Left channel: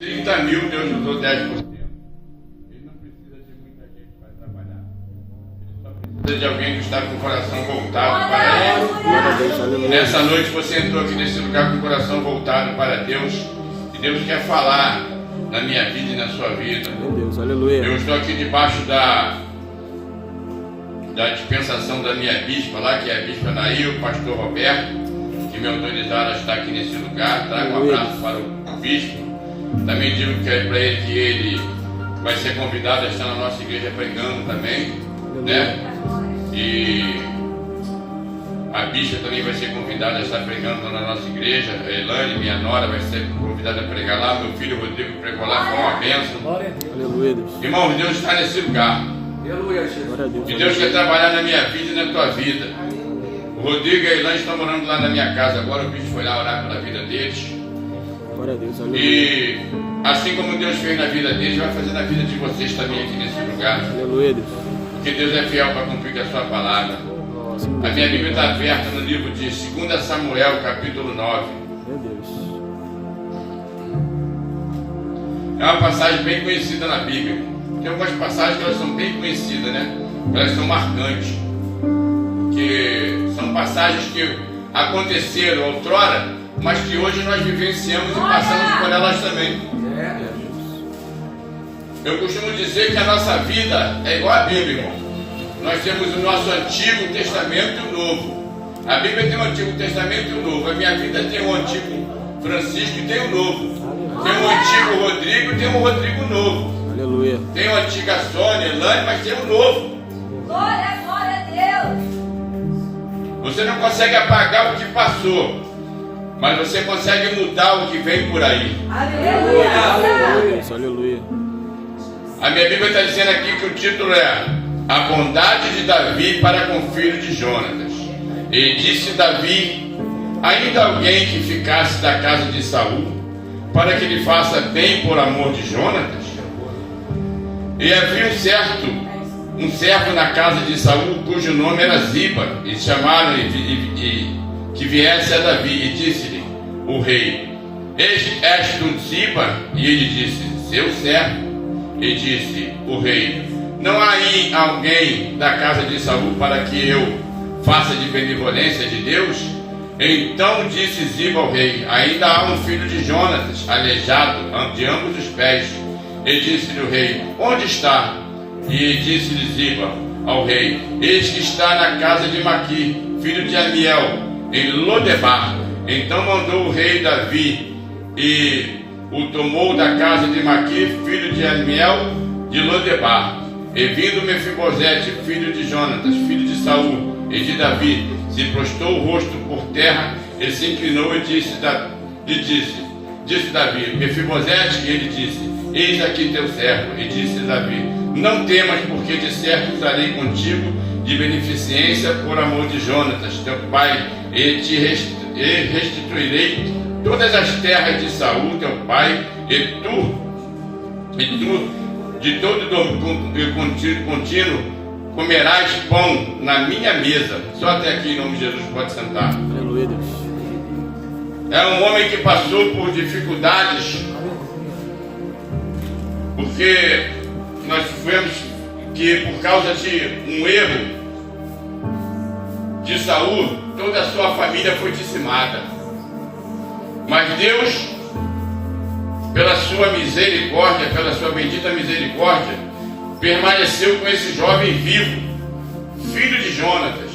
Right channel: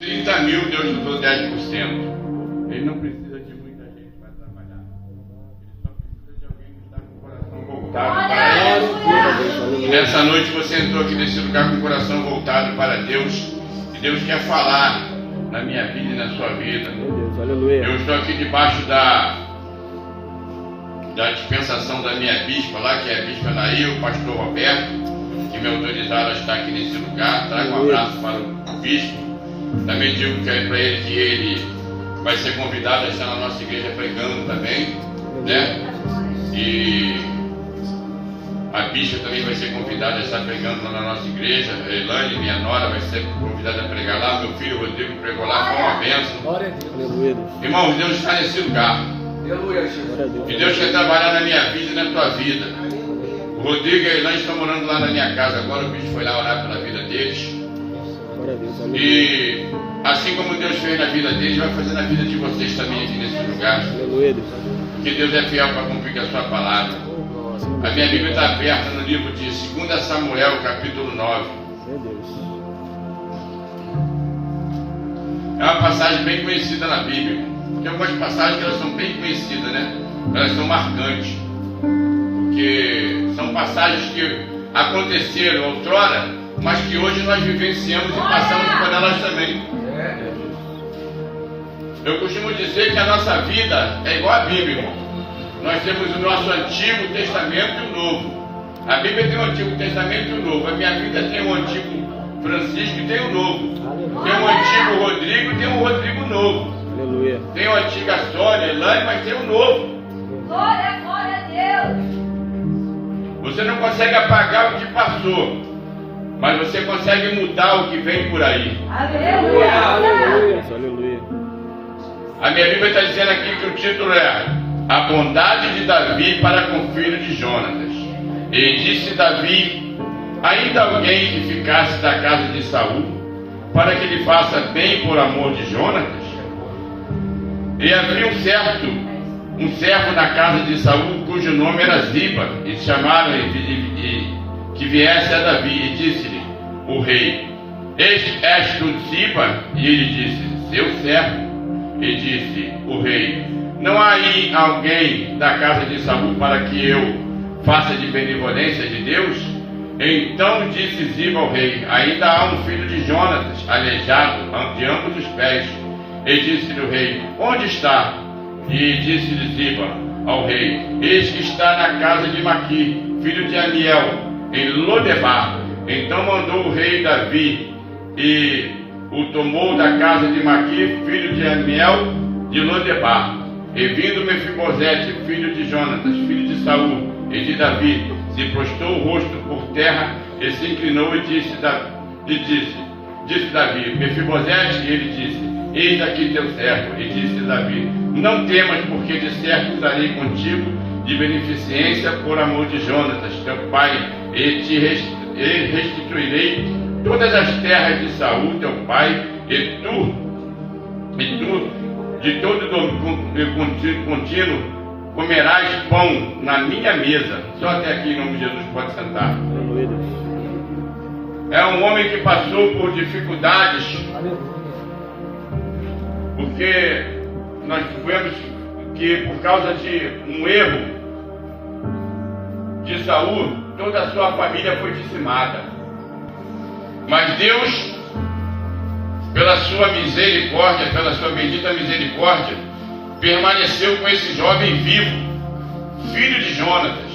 30 mil, Deus usou 10%. Ele não precisa de muita gente para trabalhar. Ele só precisa de alguém que está com o coração voltado para Ele. E nessa noite você entrou aqui nesse lugar com o coração voltado para Deus. E Deus quer falar na minha vida e na sua vida. Eu estou aqui debaixo da dispensação da minha bispa lá, que é a bispa Nair, o pastor Roberto, que me autorizaram a estar aqui nesse lugar. Traga um abraço para o bispo. Também digo que é para ele que ele vai ser convidado a estar na nossa igreja pregando também, né? E a bispa também vai ser convidada a estar pregando na nossa igreja. A Elane, minha nora, vai ser convidada a pregar lá. Meu filho Rodrigo pregou lá, foi uma bênção. Glória a Deus. Irmão, Deus está nesse lugar. E Deus quer trabalhar na minha vida e na tua vida. O Rodrigo e a Elane estão morando lá na minha casa agora. O bicho foi lá orar pela vida deles. E assim como Deus fez na vida deles, vai fazer na vida de vocês também aqui nesse lugar. Porque Deus é fiel para cumprir a sua palavra. A minha Bíblia está aberta no livro de 2 Samuel, capítulo 9. É uma passagem bem conhecida na Bíblia. Tem algumas passagens que elas são bem conhecidas, né? Elas são marcantes. Porque são passagens que aconteceram outrora, mas que hoje nós vivenciamos e passamos por elas também. Eu costumo dizer que a nossa vida é igual à Bíblia, irmão. Nós temos o nosso Antigo Testamento e o Novo. A Bíblia tem o Antigo Testamento e o Novo. A minha vida tem o Antigo Francisco e tem o Novo. Tem o Antigo Rodrigo e tem o Rodrigo Novo. Aleluia. Tem o Antiga Sônia, Elane, mas tem o Novo. Glória a Deus. Você não consegue apagar o que passou, mas você consegue mudar o que vem por aí. Aleluia. Aleluia. A minha Bíblia está dizendo aqui que o título é A Bondade de Davi para com o filho de Jonatas. E disse Davi: ainda alguém que ficasse da casa de Saul, para que ele faça bem por amor de Jonatas? E havia um servo na casa de Saul, cujo nome era Ziba, e chamaram que viesse a Davi, e disse-lhe o rei: és tu Ziba? E ele disse: seu servo. E disse o rei: não há aí alguém da casa de Saul para que eu faça de benevolência de Deus? Então disse Ziba ao rei: ainda há um filho de Jonatas, aleijado de ambos os pés. E disse-lhe o rei: onde está? E disse-lhe Ziba ao rei: eis que está na casa de Maqui, filho de Amiel, em Lodebar. Então mandou o rei Davi e o tomou da casa de Maqui, filho de Amiel, de Lodebar. E vindo Mefibosete, filho de Jonatas, filho de Saul e de Davi, se prostrou o rosto por terra e se inclinou e disse Davi: Mefibosete? E ele disse: eis aqui teu servo. E disse Davi: não temas, porque de certo usarei contigo de beneficência por amor de Jonatas, teu pai, e te restituirei todas as terras de Saul, teu pai, e tu de todo contínuo comerás pão na minha mesa. Só até aqui, em nome de Jesus, pode sentar. Aleluia. É um homem que passou por dificuldades, porque nós vemos que por causa de um erro de Saul, toda a sua família foi dizimada. Mas Deus, pela sua misericórdia, pela sua bendita misericórdia, permaneceu com esse jovem vivo, filho de Jonatas,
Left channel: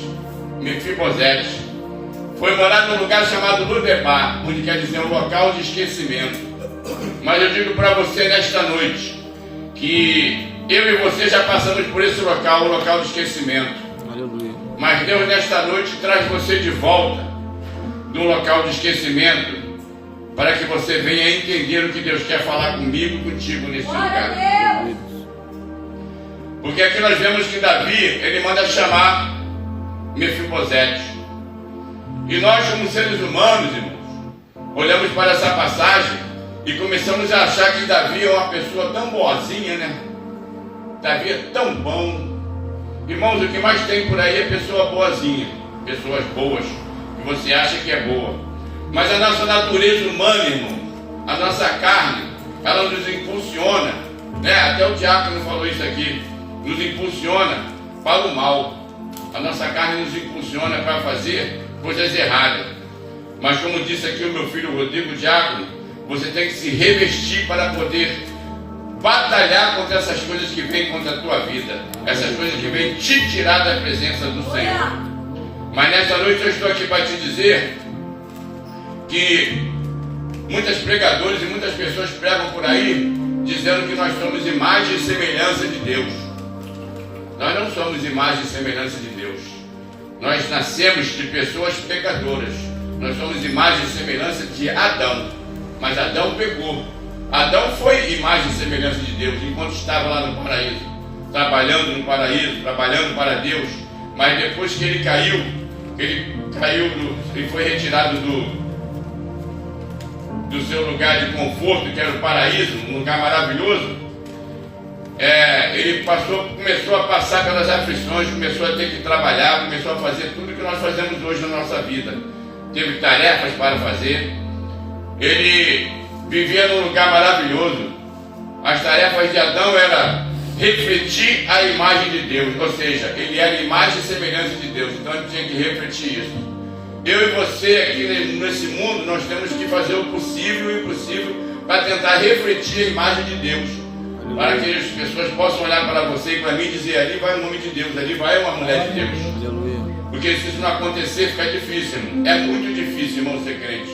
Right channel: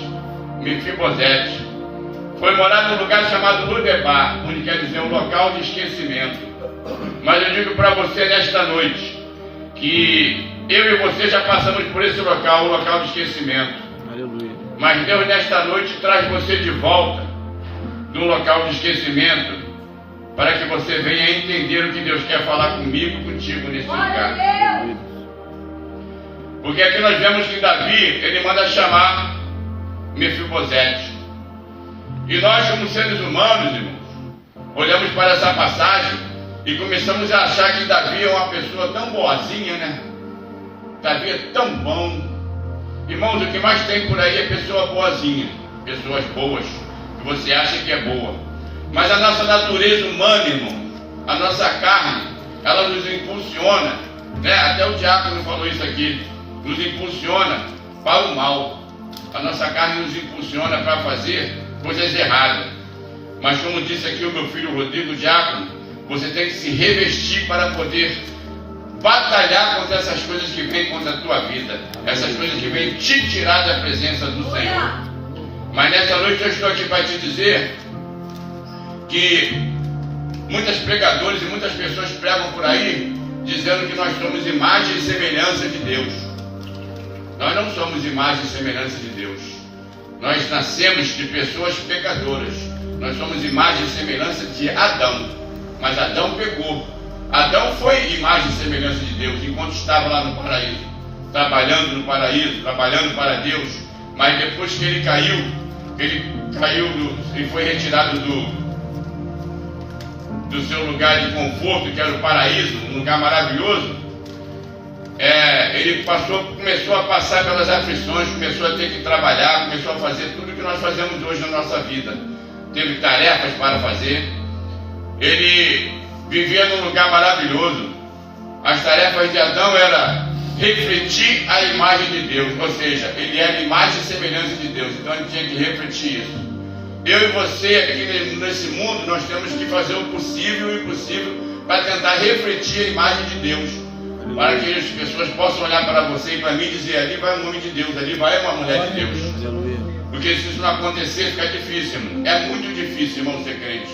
Mefibosete. Foi morar num lugar chamado Lodebar, onde quer dizer um local de esquecimento. Mas eu digo para você nesta noite que eu e você já passamos por esse local, um local de esquecimento. Aleluia. Mas Deus nesta noite traz você de volta de um local de esquecimento, para que você venha entender o que Deus quer falar comigo e contigo nesse lugar. Porque aqui nós vemos que Davi, ele manda chamar Mefibosete. E nós, como seres humanos, irmãos, olhamos para essa passagem e começamos a achar que Davi é uma pessoa tão boazinha, né? Davi é tão bom. Irmãos, o que mais tem por aí é pessoa boazinha, pessoas boas, que você acha que é boa. Mas a nossa natureza humana, irmão, a nossa carne, ela nos impulsiona, né? Até o diácono falou isso aqui, nos impulsiona para o mal. A nossa carne nos impulsiona para fazer coisas erradas. Mas como disse aqui o meu filho Rodrigo, diácono, você tem que se revestir para poder batalhar contra essas coisas que vêm contra a tua vida, essas coisas que vêm te tirar da presença do Senhor. Mas nessa noite eu estou aqui para te dizer que muitos pregadores e muitas pessoas pregam por aí dizendo que nós somos imagem e semelhança de Deus. Nós não somos imagem e semelhança de Deus. Nós nascemos de pessoas pecadoras. Nós somos imagem e semelhança de Adão. Mas Adão pecou. Adão foi imagem e semelhança de Deus enquanto estava lá no paraíso, trabalhando no paraíso, trabalhando para Deus. Mas depois que ele caiu e foi retirado do seu lugar de conforto, que era o paraíso, um lugar maravilhoso, ele começou a passar pelas aflições, começou a ter que trabalhar, começou a fazer tudo que nós fazemos hoje na nossa vida. Teve tarefas para fazer. Ele vivia num lugar maravilhoso. As tarefas de Adão eram refletir a imagem de Deus, ou seja, ele era imagem e semelhança de Deus, então ele tinha que refletir isso. Eu e você aqui nesse mundo, nós temos que fazer o possível e o impossível para tentar refletir a imagem de Deus, para que as pessoas possam olhar para você e para mim e dizer: ali vai o nome de Deus, ali vai uma mulher de Deus. Porque se isso não acontecer, fica difícil, irmão. É muito difícil, irmão, ser crente.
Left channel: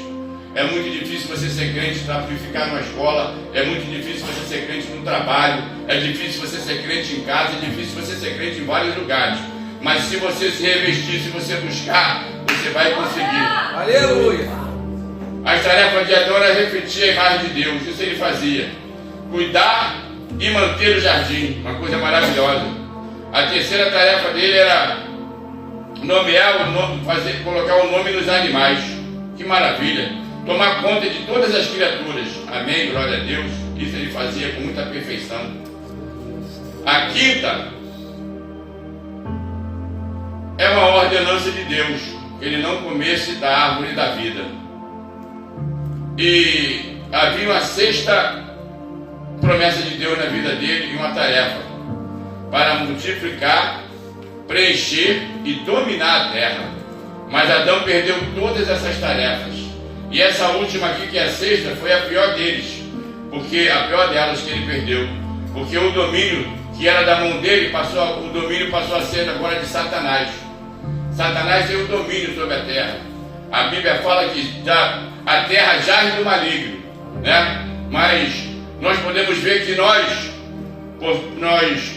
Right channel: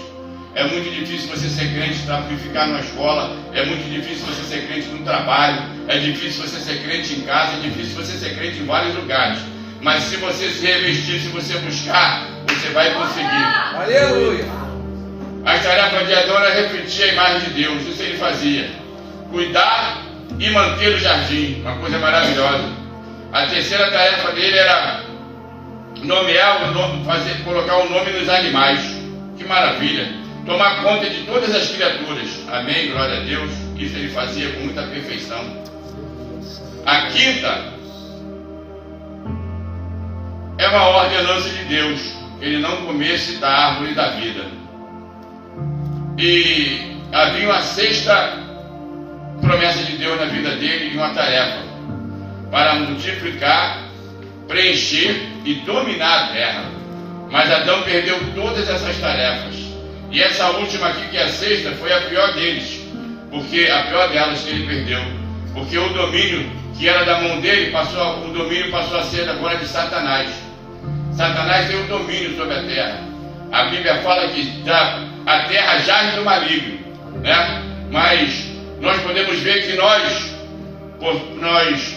É muito difícil você ser crente e ficar numa escola. É muito difícil você ser crente no trabalho. É difícil você ser crente em casa. É difícil você ser crente em vários lugares. Mas se você se revestir, se você buscar, você vai conseguir. Aleluia! As tarefas de Adão era refletir a imagem de Deus. Isso ele fazia. Cuidar e manter o jardim. Uma coisa maravilhosa. A terceira tarefa dele era nomear o nome, colocar o nome nos animais. Que maravilha! Tomar conta de todas as criaturas. Amém, glória a Deus. Isso ele fazia com muita perfeição. A quinta é uma ordenança de Deus, que ele não comesse da árvore da vida. E havia uma sexta promessa de Deus na vida dele e uma tarefa para multiplicar, preencher e dominar a terra. Mas Adão perdeu todas essas tarefas. E essa última aqui, que é a sexta, foi a pior deles, porque a pior delas que ele perdeu, porque o domínio que era da mão dele, o domínio passou a ser agora de Satanás. Satanás tem o domínio sobre a terra. A Bíblia fala que a terra jaz do maligno, né? Mas nós podemos ver que nós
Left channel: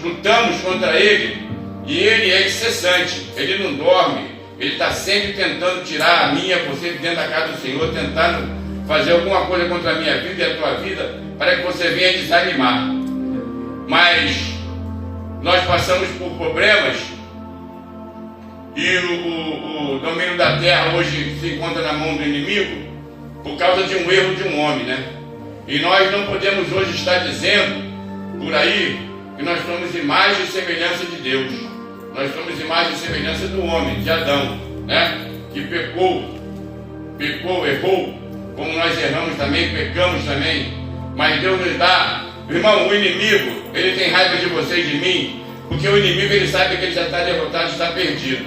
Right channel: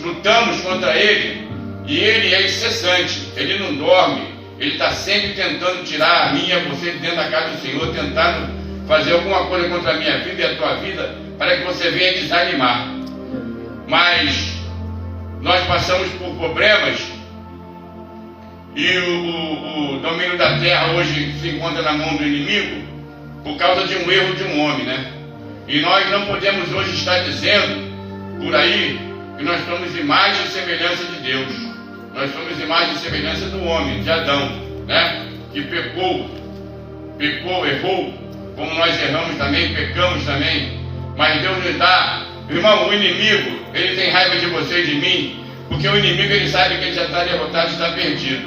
lutamos contra ele, e ele é incessante, ele não dorme. Ele está sempre tentando tirar a minha, você dentro da casa do Senhor, tentando fazer alguma coisa contra a minha vida e a tua vida, para que você venha desanimar. Mas nós passamos por problemas, e o domínio da terra hoje se encontra na mão do inimigo, por causa de um erro de um homem, né? E nós não podemos hoje estar dizendo, por aí, que nós somos imagem e semelhança de Deus. Nós somos imagem e semelhança do homem, de Adão, né? Que pecou, errou, como nós erramos também, pecamos também. Mas Deus nos dá, irmão, o inimigo, ele tem raiva de você e de mim, porque o inimigo, ele sabe que ele já está derrotado, está perdido.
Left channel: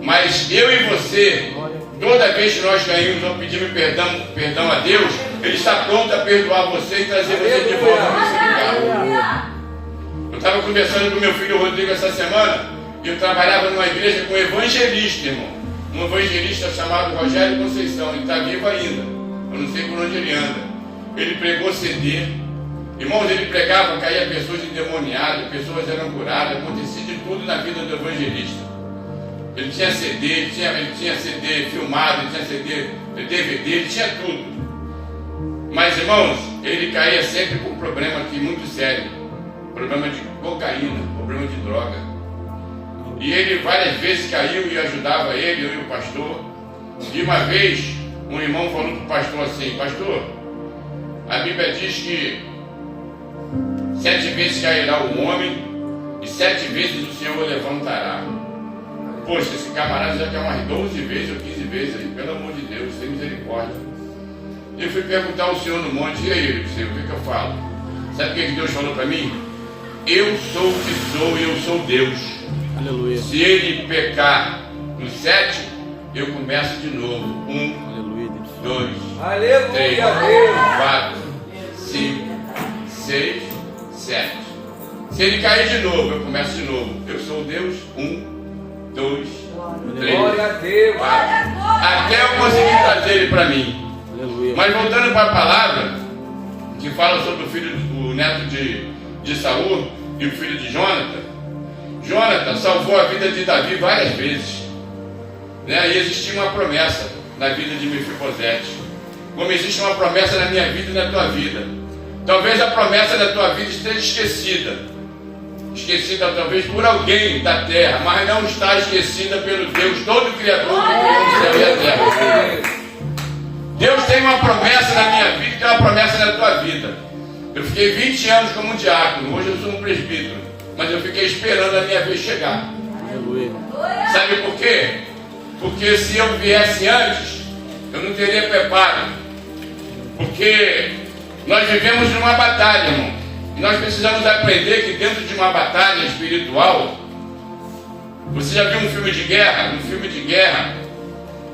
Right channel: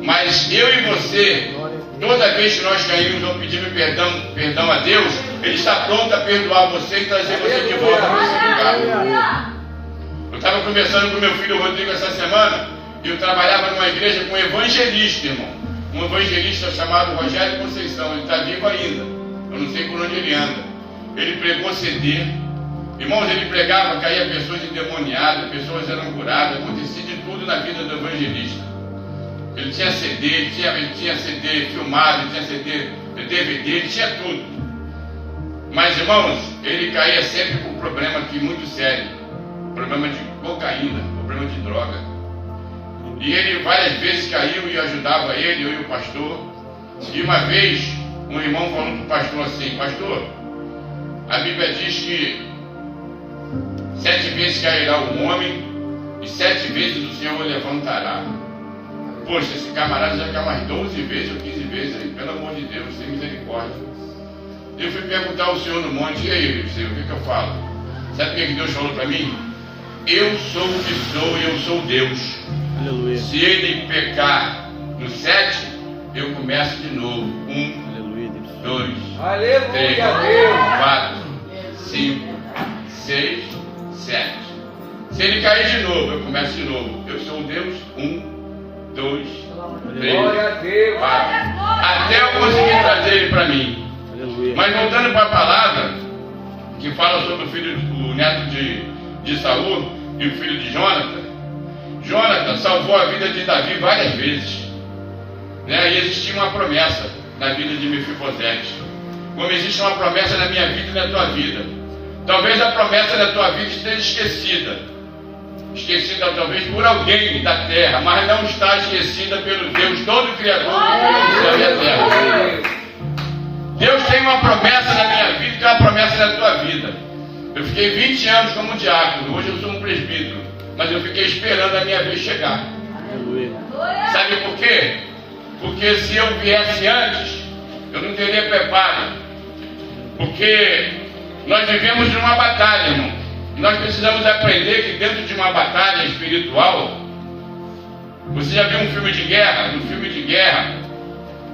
Mas eu e você, toda vez que nós caímos ou pedimos perdão a Deus, ele está pronto a perdoar você e trazer você de volta nesse lugar. Eu estava conversando com meu filho Rodrigo essa semana. Eu trabalhava numa igreja com um evangelista, irmão. Um evangelista chamado Rogério Conceição. Ele está vivo ainda. Eu não sei por onde ele anda. Ele pregou CD. Irmãos, ele pregava, caía pessoas endemoniadas, pessoas eram curadas. Acontecia de tudo na vida do evangelista. Ele tinha CD, ele tinha CD filmado, ele tinha CD, DVD, ele tinha tudo. Mas, irmãos, ele caía sempre com um problema aqui muito sério. Problema de cocaína, problema de droga. E ele várias vezes caiu e ajudava ele, eu e o pastor. E uma vez, um irmão falou para o pastor assim: pastor, a Bíblia diz que 7 vezes cairá o homem e 7 vezes o Senhor o levantará. Poxa, esse camarada já caiu mais 12 vezes ou 15 vezes aí, pelo amor de Deus, tem misericórdia. Eu fui perguntar ao Senhor no monte: e aí, Senhor, o que eu falo? Sabe o que Deus falou para mim? Eu sou o que sou e eu sou Deus. Aleluia. Se ele pecar no 7, eu começo de novo. 1, Aleluia, Deus. 2, Aleluia, 3, Deus. 4, 5, 6, 7. Se ele cair de novo, eu começo de novo. Eu sou Deus. 1, 2, 3, Glória a Deus. 4. Até eu conseguir trazer ele para mim. Aleluia. Mas voltando para a palavra que fala sobre o neto de Saul e o filho de Jonathan. Jonathan salvou a vida de Davi várias vezes, né? E existia uma promessa na vida de Mefibosete, como existe uma promessa na minha vida e na tua vida. Talvez a promessa da tua vida esteja esquecida talvez por alguém da terra, mas não está esquecida pelo Deus todo Criador que criou o céu e a terra. Deus tem uma promessa na minha vida e tem uma promessa na tua vida. Eu fiquei 20 anos como diácono, hoje eu sou um presbítero, mas eu fiquei esperando a minha vez chegar. Aleluia. Sabe por quê? Porque se eu viesse antes, eu não teria preparo. Porque nós vivemos numa batalha, irmão. E nós precisamos aprender que dentro de uma batalha espiritual, você já viu um filme de guerra? Um filme de guerra,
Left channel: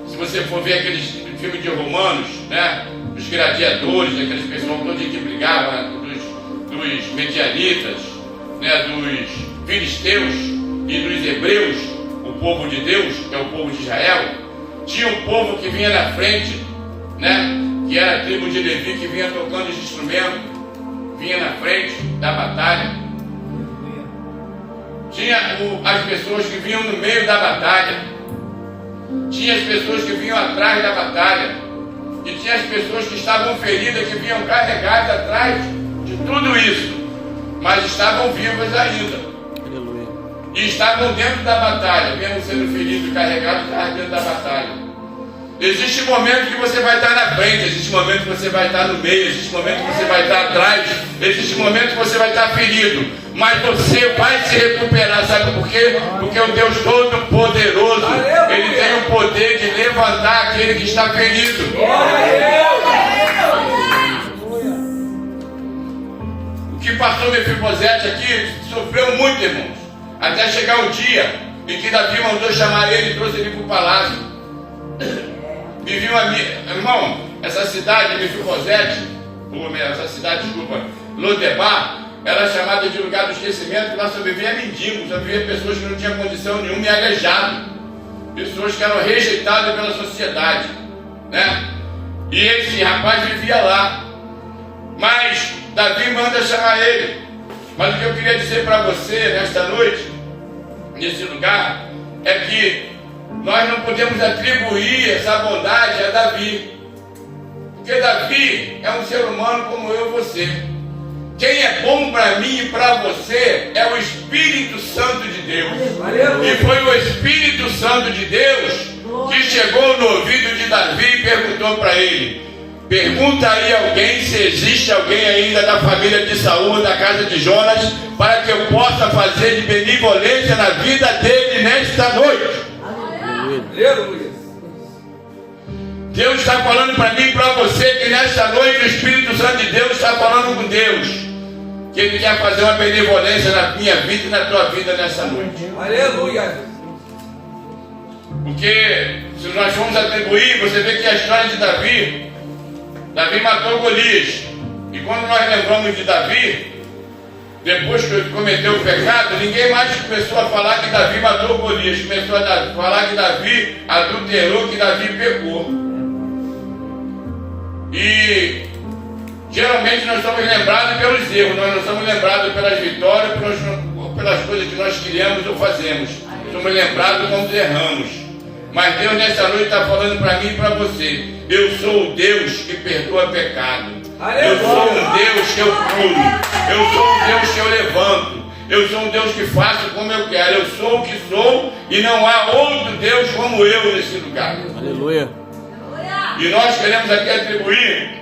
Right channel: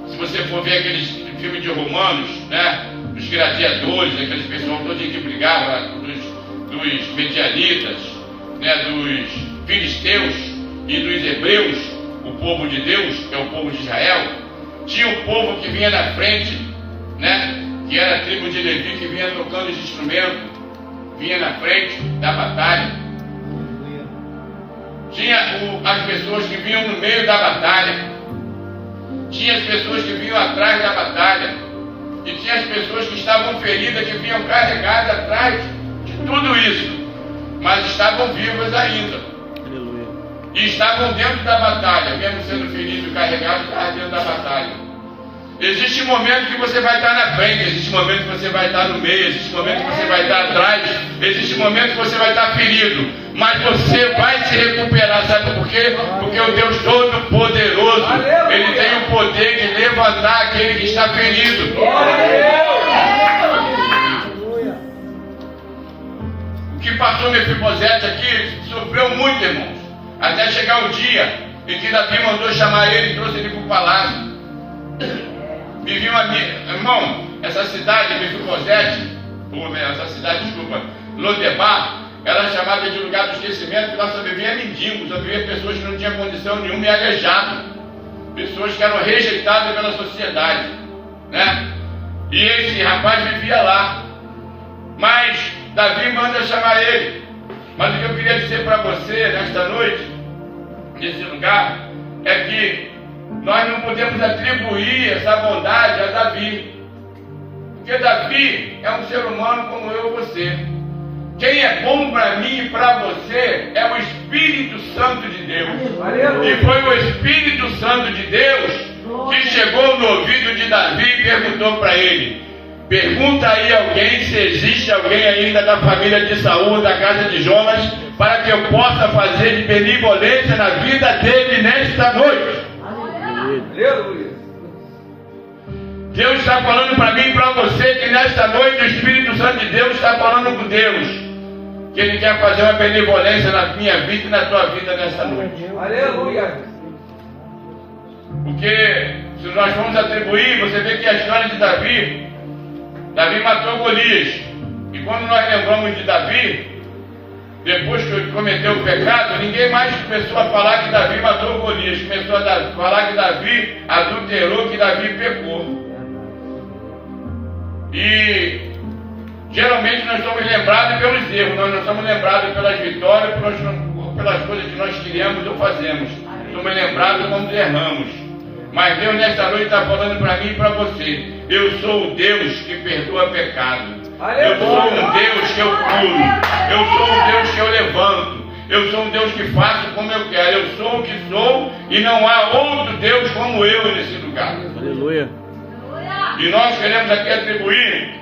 se você for ver aqueles filmes de romanos, né? Os gladiadores, aqueles pessoal todos que brigavam, dos medianitas, né? Dos filisteus e dos hebreus, o povo de Deus, que é o povo de Israel. Tinha o povo que vinha na frente, né? Que era a tribo de Levi, que vinha tocando os instrumentos, vinha na frente da batalha. Tinha as pessoas que vinham no meio da batalha. Tinha as pessoas que vinham atrás da batalha. E tinha as pessoas que estavam feridas, que vinham carregadas atrás de tudo isso. Mas estavam vivas ainda. Aleluia. E estavam dentro da batalha, mesmo sendo feridos e carregados, estavam dentro da batalha. Existe momento que você vai estar na frente, existe momento que você vai estar no meio, existe momento que você vai estar atrás, existe momento que você vai estar ferido, mas você vai se recuperar, sabe por quê? Porque o Deus Todo-Poderoso, Ele tem o poder de levantar aquele que está ferido. O que passou Mefibosete aqui sofreu muito, irmãos, até chegar o dia em que Davi mandou chamar ele e trouxe ele para o palácio. Vivia irmão, essa cidade, Mefibosete, Lodebar, era chamada de lugar do esquecimento, porque lá só vivia mendigos, só vivia pessoas que não tinham condição nenhuma e aleijado, pessoas que eram rejeitadas pela sociedade, né? E esse rapaz vivia lá, mas Davi manda chamar ele. Mas o que eu queria dizer para você nesta noite, nesse lugar, é que nós não podemos atribuir essa bondade a Davi, porque Davi é um ser humano como eu e você. Quem é bom para mim e para você é o Espírito Santo de Deus. E foi o Espírito Santo de Deus que chegou no ouvido de Davi e perguntou para ele: pergunta aí alguém se existe alguém ainda da família de Saul, da casa de Jonas, para que eu possa fazer de benevolência na vida dele nesta noite. Aleluia. Deus está falando para mim e para você que nesta noite o Espírito Santo de Deus está falando com Deus, que Ele quer fazer uma benevolência na minha vida e na tua vida nesta noite. Aleluia. Porque se nós formos atribuir, você vê que a história de Davi matou Golias. E quando nós lembramos de Davi, depois que ele cometeu o pecado, ninguém mais começou a falar que Davi matou Golias. Começou a falar que Davi adulterou, que Davi pecou. E geralmente nós somos lembrados pelos erros, nós não somos lembrados pelas vitórias, pelas coisas que nós criamos ou fazemos. Somos lembrados quando erramos. Mas Deus nessa noite está falando para mim e para você: eu sou o Deus que perdoa pecado. Eu sou um Deus que eu curo. Eu sou um Deus que eu levanto. Eu sou um Deus que faço como eu quero. Eu sou o que sou e não há outro Deus como eu nesse lugar. Aleluia. E nós queremos aqui atribuir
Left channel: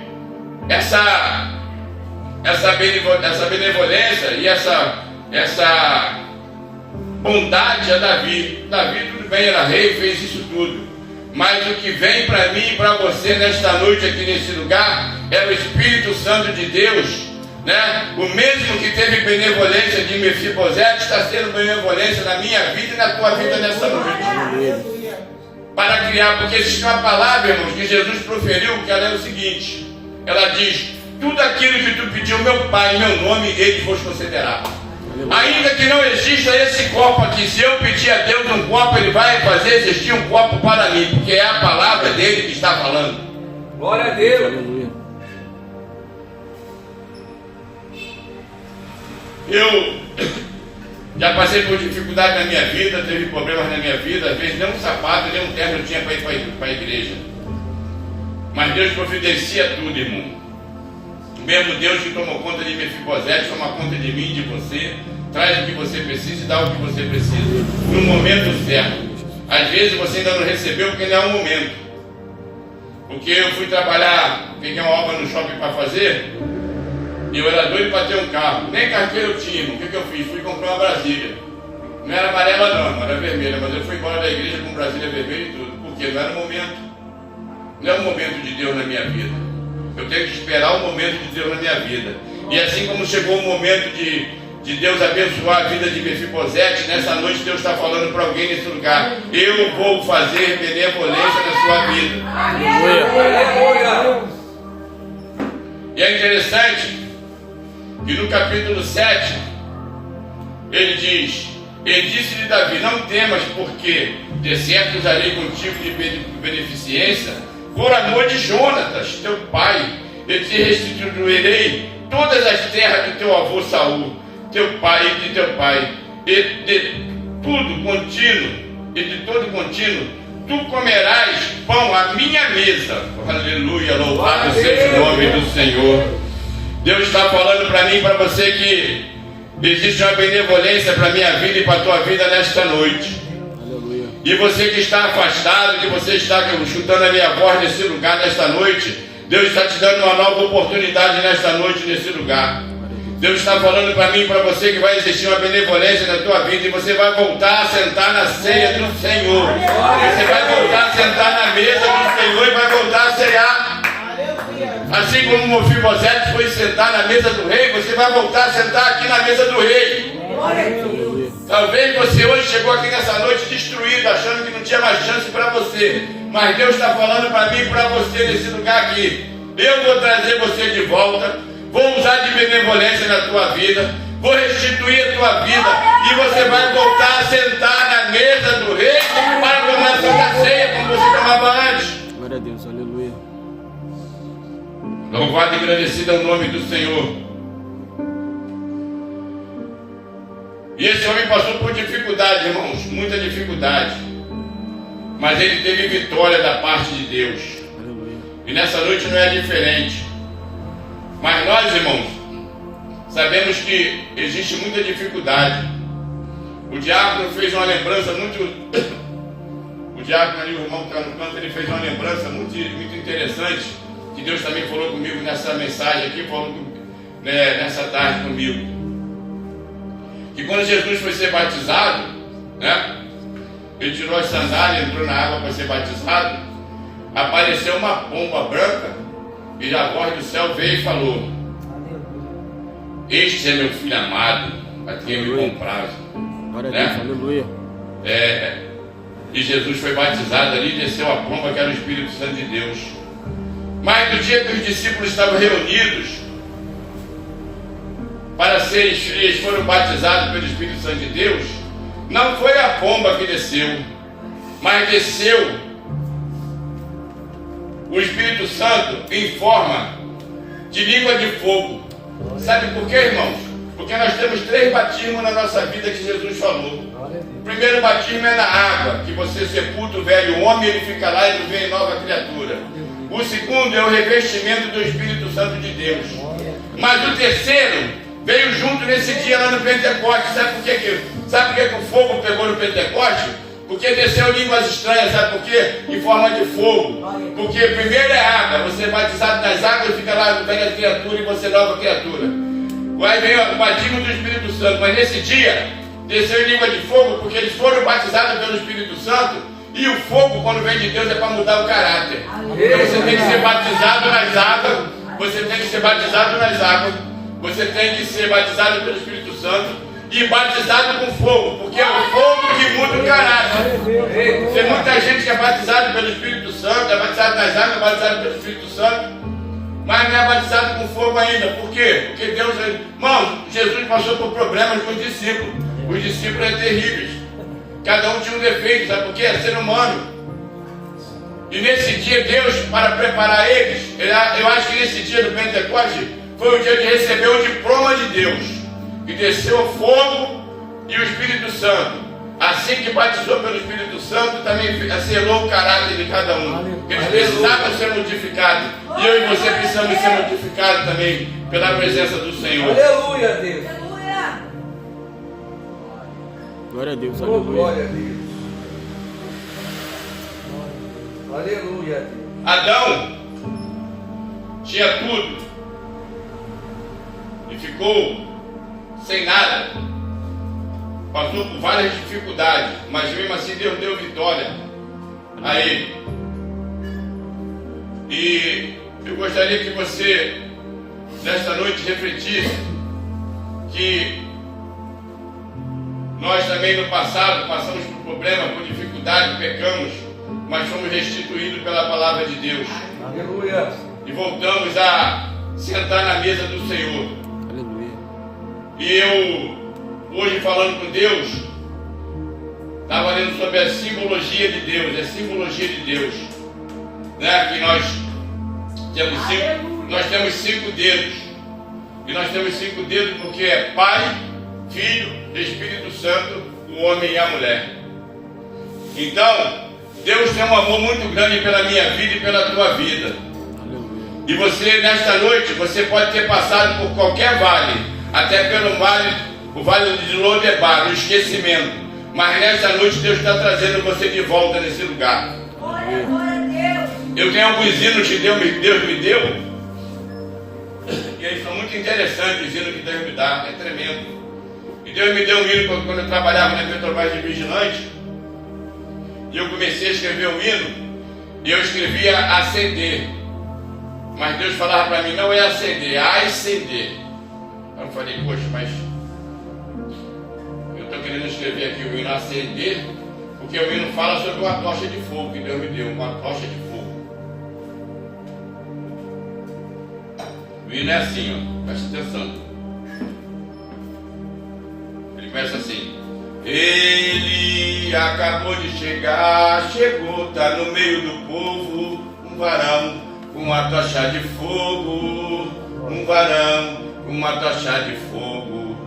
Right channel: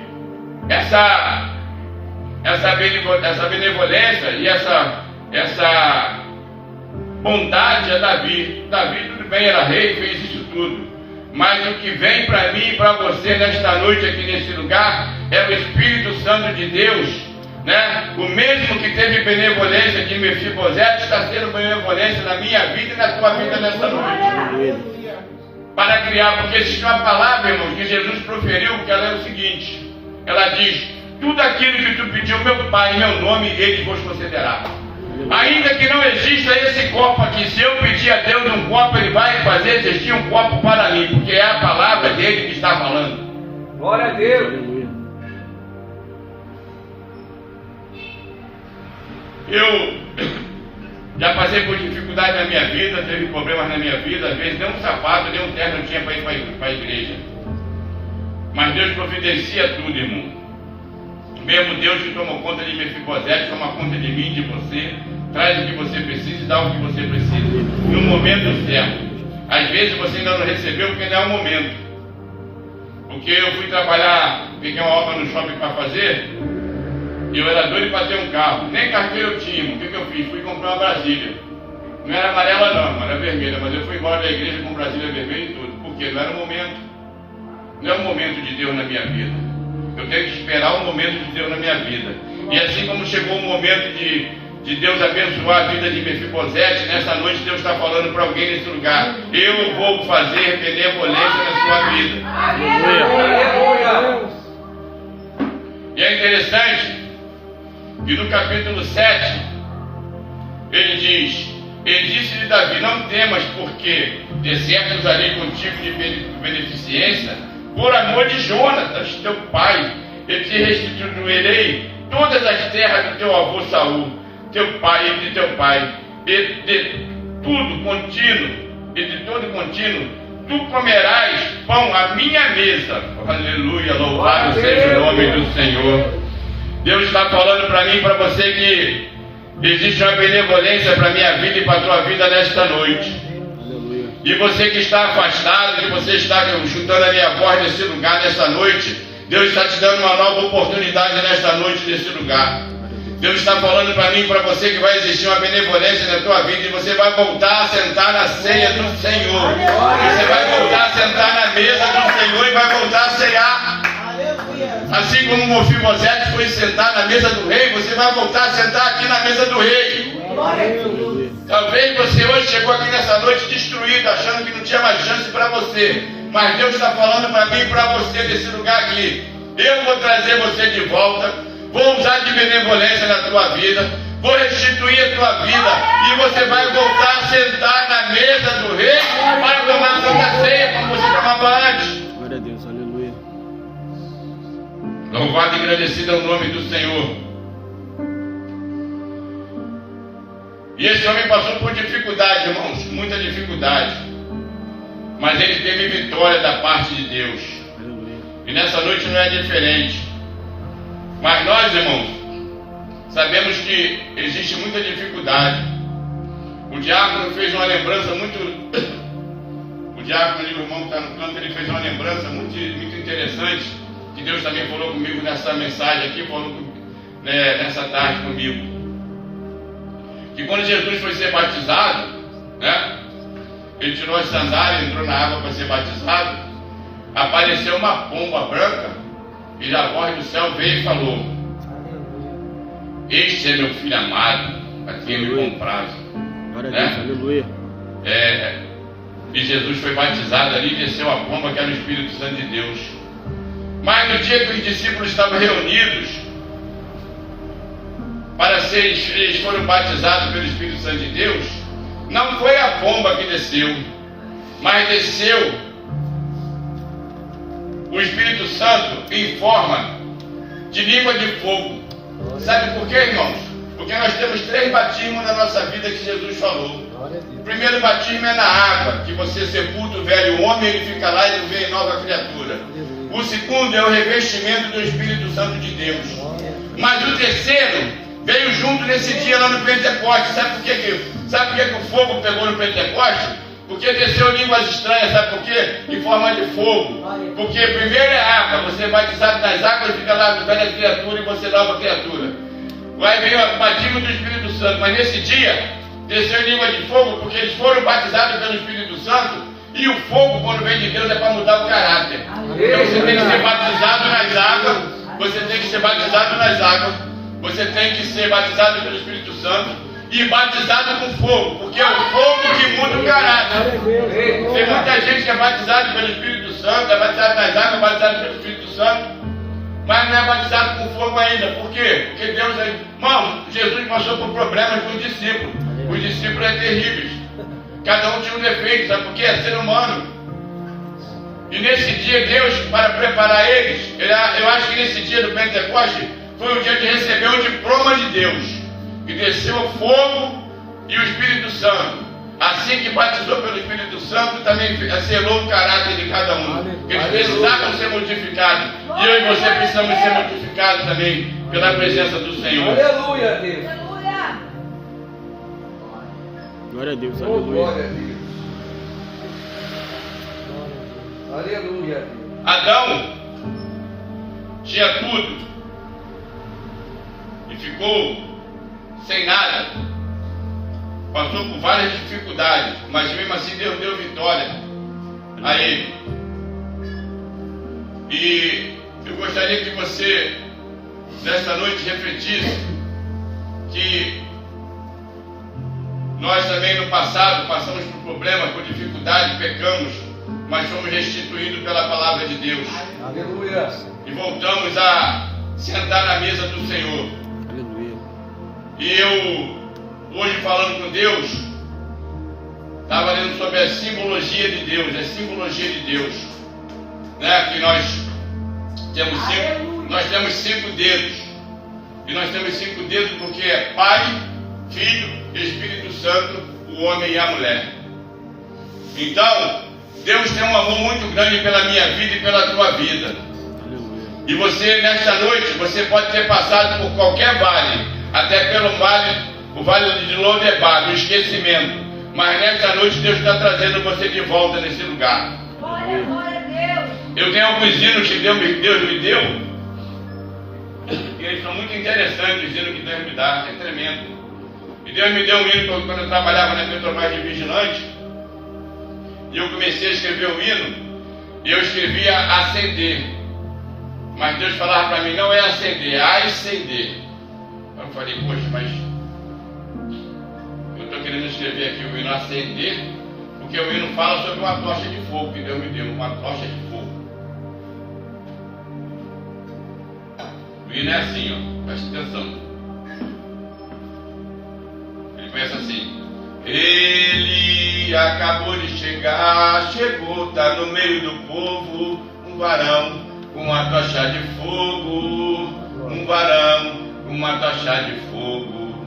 essa benevolência e essa bondade a Davi. Davi, tudo bem, era rei, fez isso tudo. Mas o que vem para mim e para você nesta noite aqui nesse lugar é o Espírito Santo de Deus né? O mesmo que teve benevolência de Mefibosete está sendo benevolência na minha vida e na tua vida nessa noite. Aleluia. Para criar, porque existe uma palavra, irmãos, que Jesus proferiu, que ela é o seguinte: ela diz: tudo aquilo que tu pediu, meu Pai, em meu nome, Ele vos concederá. Ainda que não exista esse copo aqui, se eu pedir a Deus um copo, Ele vai fazer existir um copo para mim, porque é a palavra dele que está falando. Glória a Deus. Aleluia. Eu já passei por dificuldade na minha vida, teve problemas na minha vida, às vezes nem um sapato, nem um terno eu tinha para ir para a igreja. Mas Deus providencia tudo, irmão. Mesmo Deus que tomou conta de Mefibosete, toma conta de mim, de você, traz o que você precisa e dá o que você precisa, no momento certo. Às vezes você ainda não recebeu porque não é o momento. Porque eu fui trabalhar, peguei uma obra no shopping para fazer, e eu era doido para ter um carro, nem carteira eu tinha. O que eu fiz? Fui comprar uma Brasília. Não era amarela não, era vermelha, mas eu fui embora da igreja com Brasília vermelha e tudo, porque não era o momento. Não é o momento de Deus na minha vida. Eu tenho que esperar o momento de Deus na minha vida. E assim como chegou o momento de Deus abençoar a vida de Mefibosete, nessa noite Deus está falando para alguém nesse lugar: eu vou fazer benevolência na sua vida. Aleluia. E é interessante que no capítulo 7 ele disse-lhe Davi: não temas, porque de certo usarei contigo de beneficência por amor de Jonatas, teu pai, e te restituirei todas as terras do teu avô Saul, teu pai e de teu pai, e de todo contínuo, tu comerás pão à minha mesa. Aleluia, louvado seja o nome do Senhor. Deus está falando para mim e para você que existe uma benevolência para a minha vida e para a tua vida nesta noite. Aleluia. E você que está afastado, que você está escutando a minha voz nesse lugar nesta noite, Deus está te dando uma nova oportunidade nesta noite nesse lugar. Deus está falando para mim e para você que vai existir uma benevolência na tua vida e você vai voltar a sentar na ceia do Senhor. Você vai voltar a sentar na mesa do Senhor e vai voltar a cear. Assim como Mefibosete foi sentar na mesa do rei, você vai voltar a sentar aqui na mesa do rei. Talvez você hoje chegou aqui nessa noite destruído, achando que não tinha mais chance para você. Mas Deus está falando para mim e para você nesse lugar aqui: eu vou trazer você de volta, vou usar de benevolência na tua vida, vou restituir a tua vida, e você vai voltar a sentar na mesa do rei para tomar a santa ceia como você tomava antes. Glória a Deus, aleluia. Louvado e agradecido é o nome do Senhor. E esse homem passou por dificuldade, irmãos, muita dificuldade. Mas ele teve vitória da parte de Deus. Aleluia. E nessa noite não é diferente. Mas nós, irmãos, sabemos que existe muita dificuldade. O diácono fez uma lembrança muito... O diácono ali, o irmão que está no canto, ele fez uma lembrança muito interessante, que Deus também falou comigo nessa mensagem aqui, falou nessa tarde comigo. Que quando Jesus foi ser batizado, né? Ele tirou as sandálias, entrou na água para ser batizado, apareceu uma pomba branca, e a voz do céu veio e falou: este é meu filho amado, a quem eu me comprazo. Glória a Deus, aleluia. E Jesus foi batizado ali, desceu a pomba, que era o Espírito Santo de Deus. Mas no dia que os discípulos estavam reunidos para eles foram batizados pelo Espírito Santo de Deus, não foi a pomba que desceu, mas desceu o Espírito Santo em forma de língua de fogo. Sabe por quê, irmãos? Porque nós temos 3 batismos na nossa vida que Jesus falou. O primeiro batismo é na água, que você sepulta o velho homem, ele fica lá e vem nova criatura. O segundo é o revestimento do Espírito Santo de Deus. Mas o terceiro veio junto nesse dia lá no Pentecoste. Sabe por que o fogo pegou no Pentecoste? Porque desceu línguas estranhas. Sabe por quê? Em forma de fogo. Porque primeiro é água, você é batizado nas águas e fica lá no velha criatura e você nova criatura. Aí veio o batismo do Espírito Santo. Mas nesse dia desceu em língua de fogo, porque eles foram batizados pelo Espírito Santo. E o fogo, quando vem de Deus, é para mudar o caráter. Então você tem que ser batizado nas águas. Você tem que ser batizado nas águas. você tem que ser batizado pelo Espírito Santo e batizado com fogo, porque é o fogo que muda o caráter. Tem muita gente que é batizada pelo Espírito Santo, é batizado nas águas, é batizado pelo Espírito Santo, mas não é batizado com fogo ainda. Por quê? Porque Deus... Irmão, Jesus passou por problemas com os discípulos. Os discípulos eram terríveis. Cada um tinha um defeito, sabe por quê? É ser humano. E nesse dia, Deus, para preparar eles, eu acho que nesse dia do Pentecoste, foi o dia de receber o diploma de Deus, que desceu o fogo e o Espírito Santo. Assim que batizou pelo Espírito Santo, também selou o caráter de cada um. Eles precisavam ser modificados. E eu e você precisamos ser modificados também pela presença do Senhor. Aleluia, Deus. Aleluia. Glória a Deus, Oh, aleluia. glória a Deus. Aleluia, Deus. Adão tinha tudo e ficou sem nada. Passou por várias dificuldades, mas mesmo assim Deus deu vitória a ele. E eu gostaria que você, nesta noite, refletisse que nós também no passado passamos por problemas, por dificuldades, pecamos, mas fomos restituídos pela palavra de Deus. Aleluia. E voltamos a sentar na mesa do Senhor. Aleluia. E eu, hoje falando com Deus, estava lendo sobre a simbologia de Deus, a simbologia de Deus, né? Que nós temos 5 dedos, e nós temos 5 dedos porque é Pai, Filho, Espírito Santo, o homem e a mulher. Então, Deus tem um amor muito grande pela minha vida e pela tua vida. Aleluia. E você, nesta noite, você pode ter passado por qualquer vale, até pelo o vale de Lodebar, o esquecimento. Mas nessa noite Deus está trazendo você de volta nesse lugar. Glória, glória a Deus. Eu tenho alguns hinos que Deus me deu, e eles são muito interessantes, os hinos que Deus me dá, é tremendo. E Deus me deu um hino quando eu trabalhava na Petrobras de Vigilante, e eu comecei a escrever um hino, e eu escrevia acender. Mas Deus falava para mim, não é acender, é ascender. Eu falei, poxa, mas eu estou querendo escrever aqui o hino acender, porque o hino fala sobre uma tocha de fogo que Deus me deu, uma tocha de fogo. O hino é assim, ó, presta atenção. Ele começa assim: ele acabou de chegar, chegou, tá no meio do povo, um varão com uma tocha de fogo, um varão com uma tocha de fogo.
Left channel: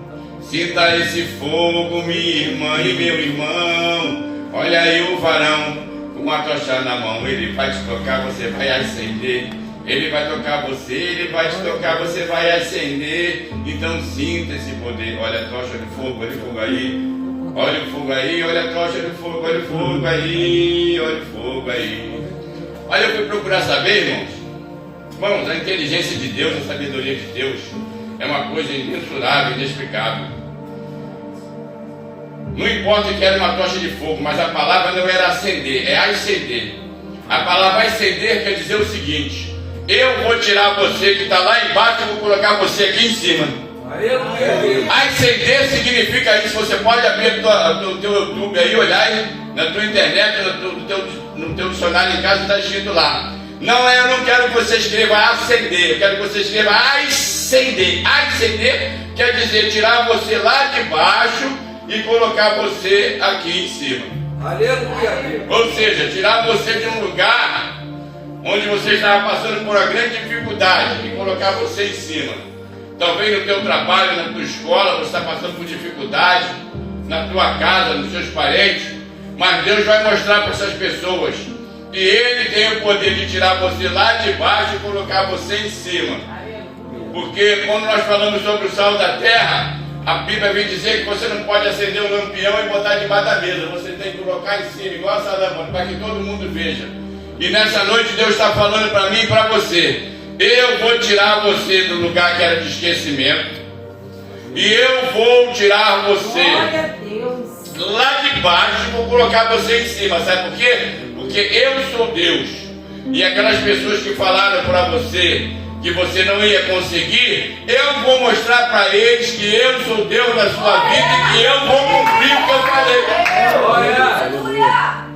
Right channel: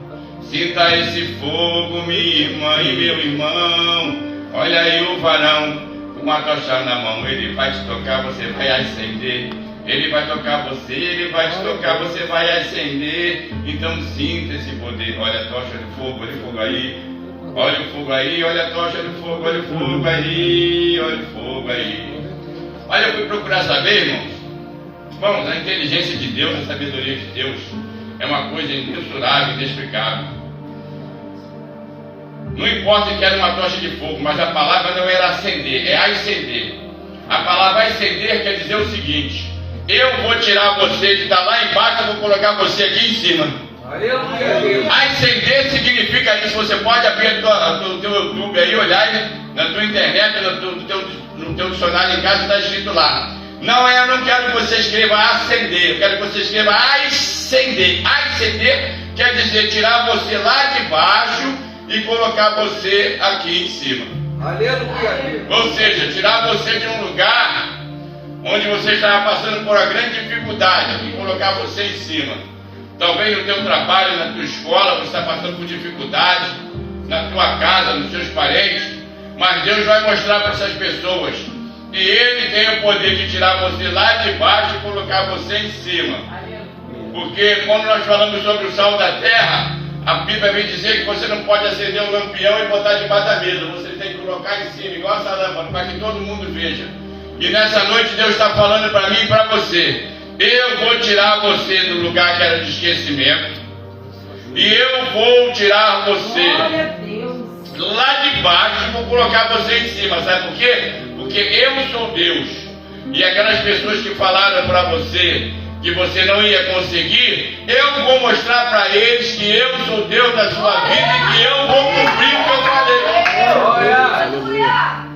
Sinta esse fogo, minha irmã e meu irmão. Olha aí o varão com uma tocha na mão, ele vai te tocar, você vai acender. Ele vai tocar você, ele vai te tocar, você vai acender. Então sinta esse poder. Olha a tocha de fogo, olha o fogo aí. Olha o fogo aí, olha a tocha de fogo, olha o fogo aí, olha o fogo aí. Olha, eu fui procurar saber, irmãos. Irmãos, a inteligência de Deus, a sabedoria de Deus é uma coisa imensurável, inexplicável. Não importa que era uma tocha de fogo, mas a palavra não era acender, é acender. A palavra acender quer dizer o seguinte: eu vou tirar você que está lá embaixo e vou colocar você aqui em cima. Ascender significa isso. Você pode abrir o teu YouTube aí, olhar na tua internet, no teu dicionário em casa, está escrito lá. Não, eu não quero que você escreva acender, eu quero que você escreva ascender. Ascender quer dizer tirar você lá de baixo e colocar você aqui em cima. Aleluia. Ou seja, tirar você de um lugar onde você estava passando por uma grande dificuldade e colocar você em cima. Talvez no teu trabalho, na tua escola, você está passando por dificuldade, na tua casa, nos seus parentes, mas Deus vai mostrar para essas pessoas que Ele tem o poder de tirar você lá de baixo e colocar você em cima. Porque quando nós falamos sobre o sal da terra, a Bíblia vem dizer que você não pode acender um lampião e botar debaixo da mesa. Você tem que colocar em cima, igual essa lâmpada, para que todo mundo veja. E nessa noite Deus está falando para mim e para você: eu vou tirar você do lugar que era de esquecimento, e eu vou tirar você lá de baixo e vou colocar você em cima. Sabe por quê? Porque eu sou Deus. E aquelas pessoas que falaram para você que você não ia conseguir, eu vou mostrar para eles que eu sou Deus da sua vida e que eu vou cumprir o que eu falei. Aleluia.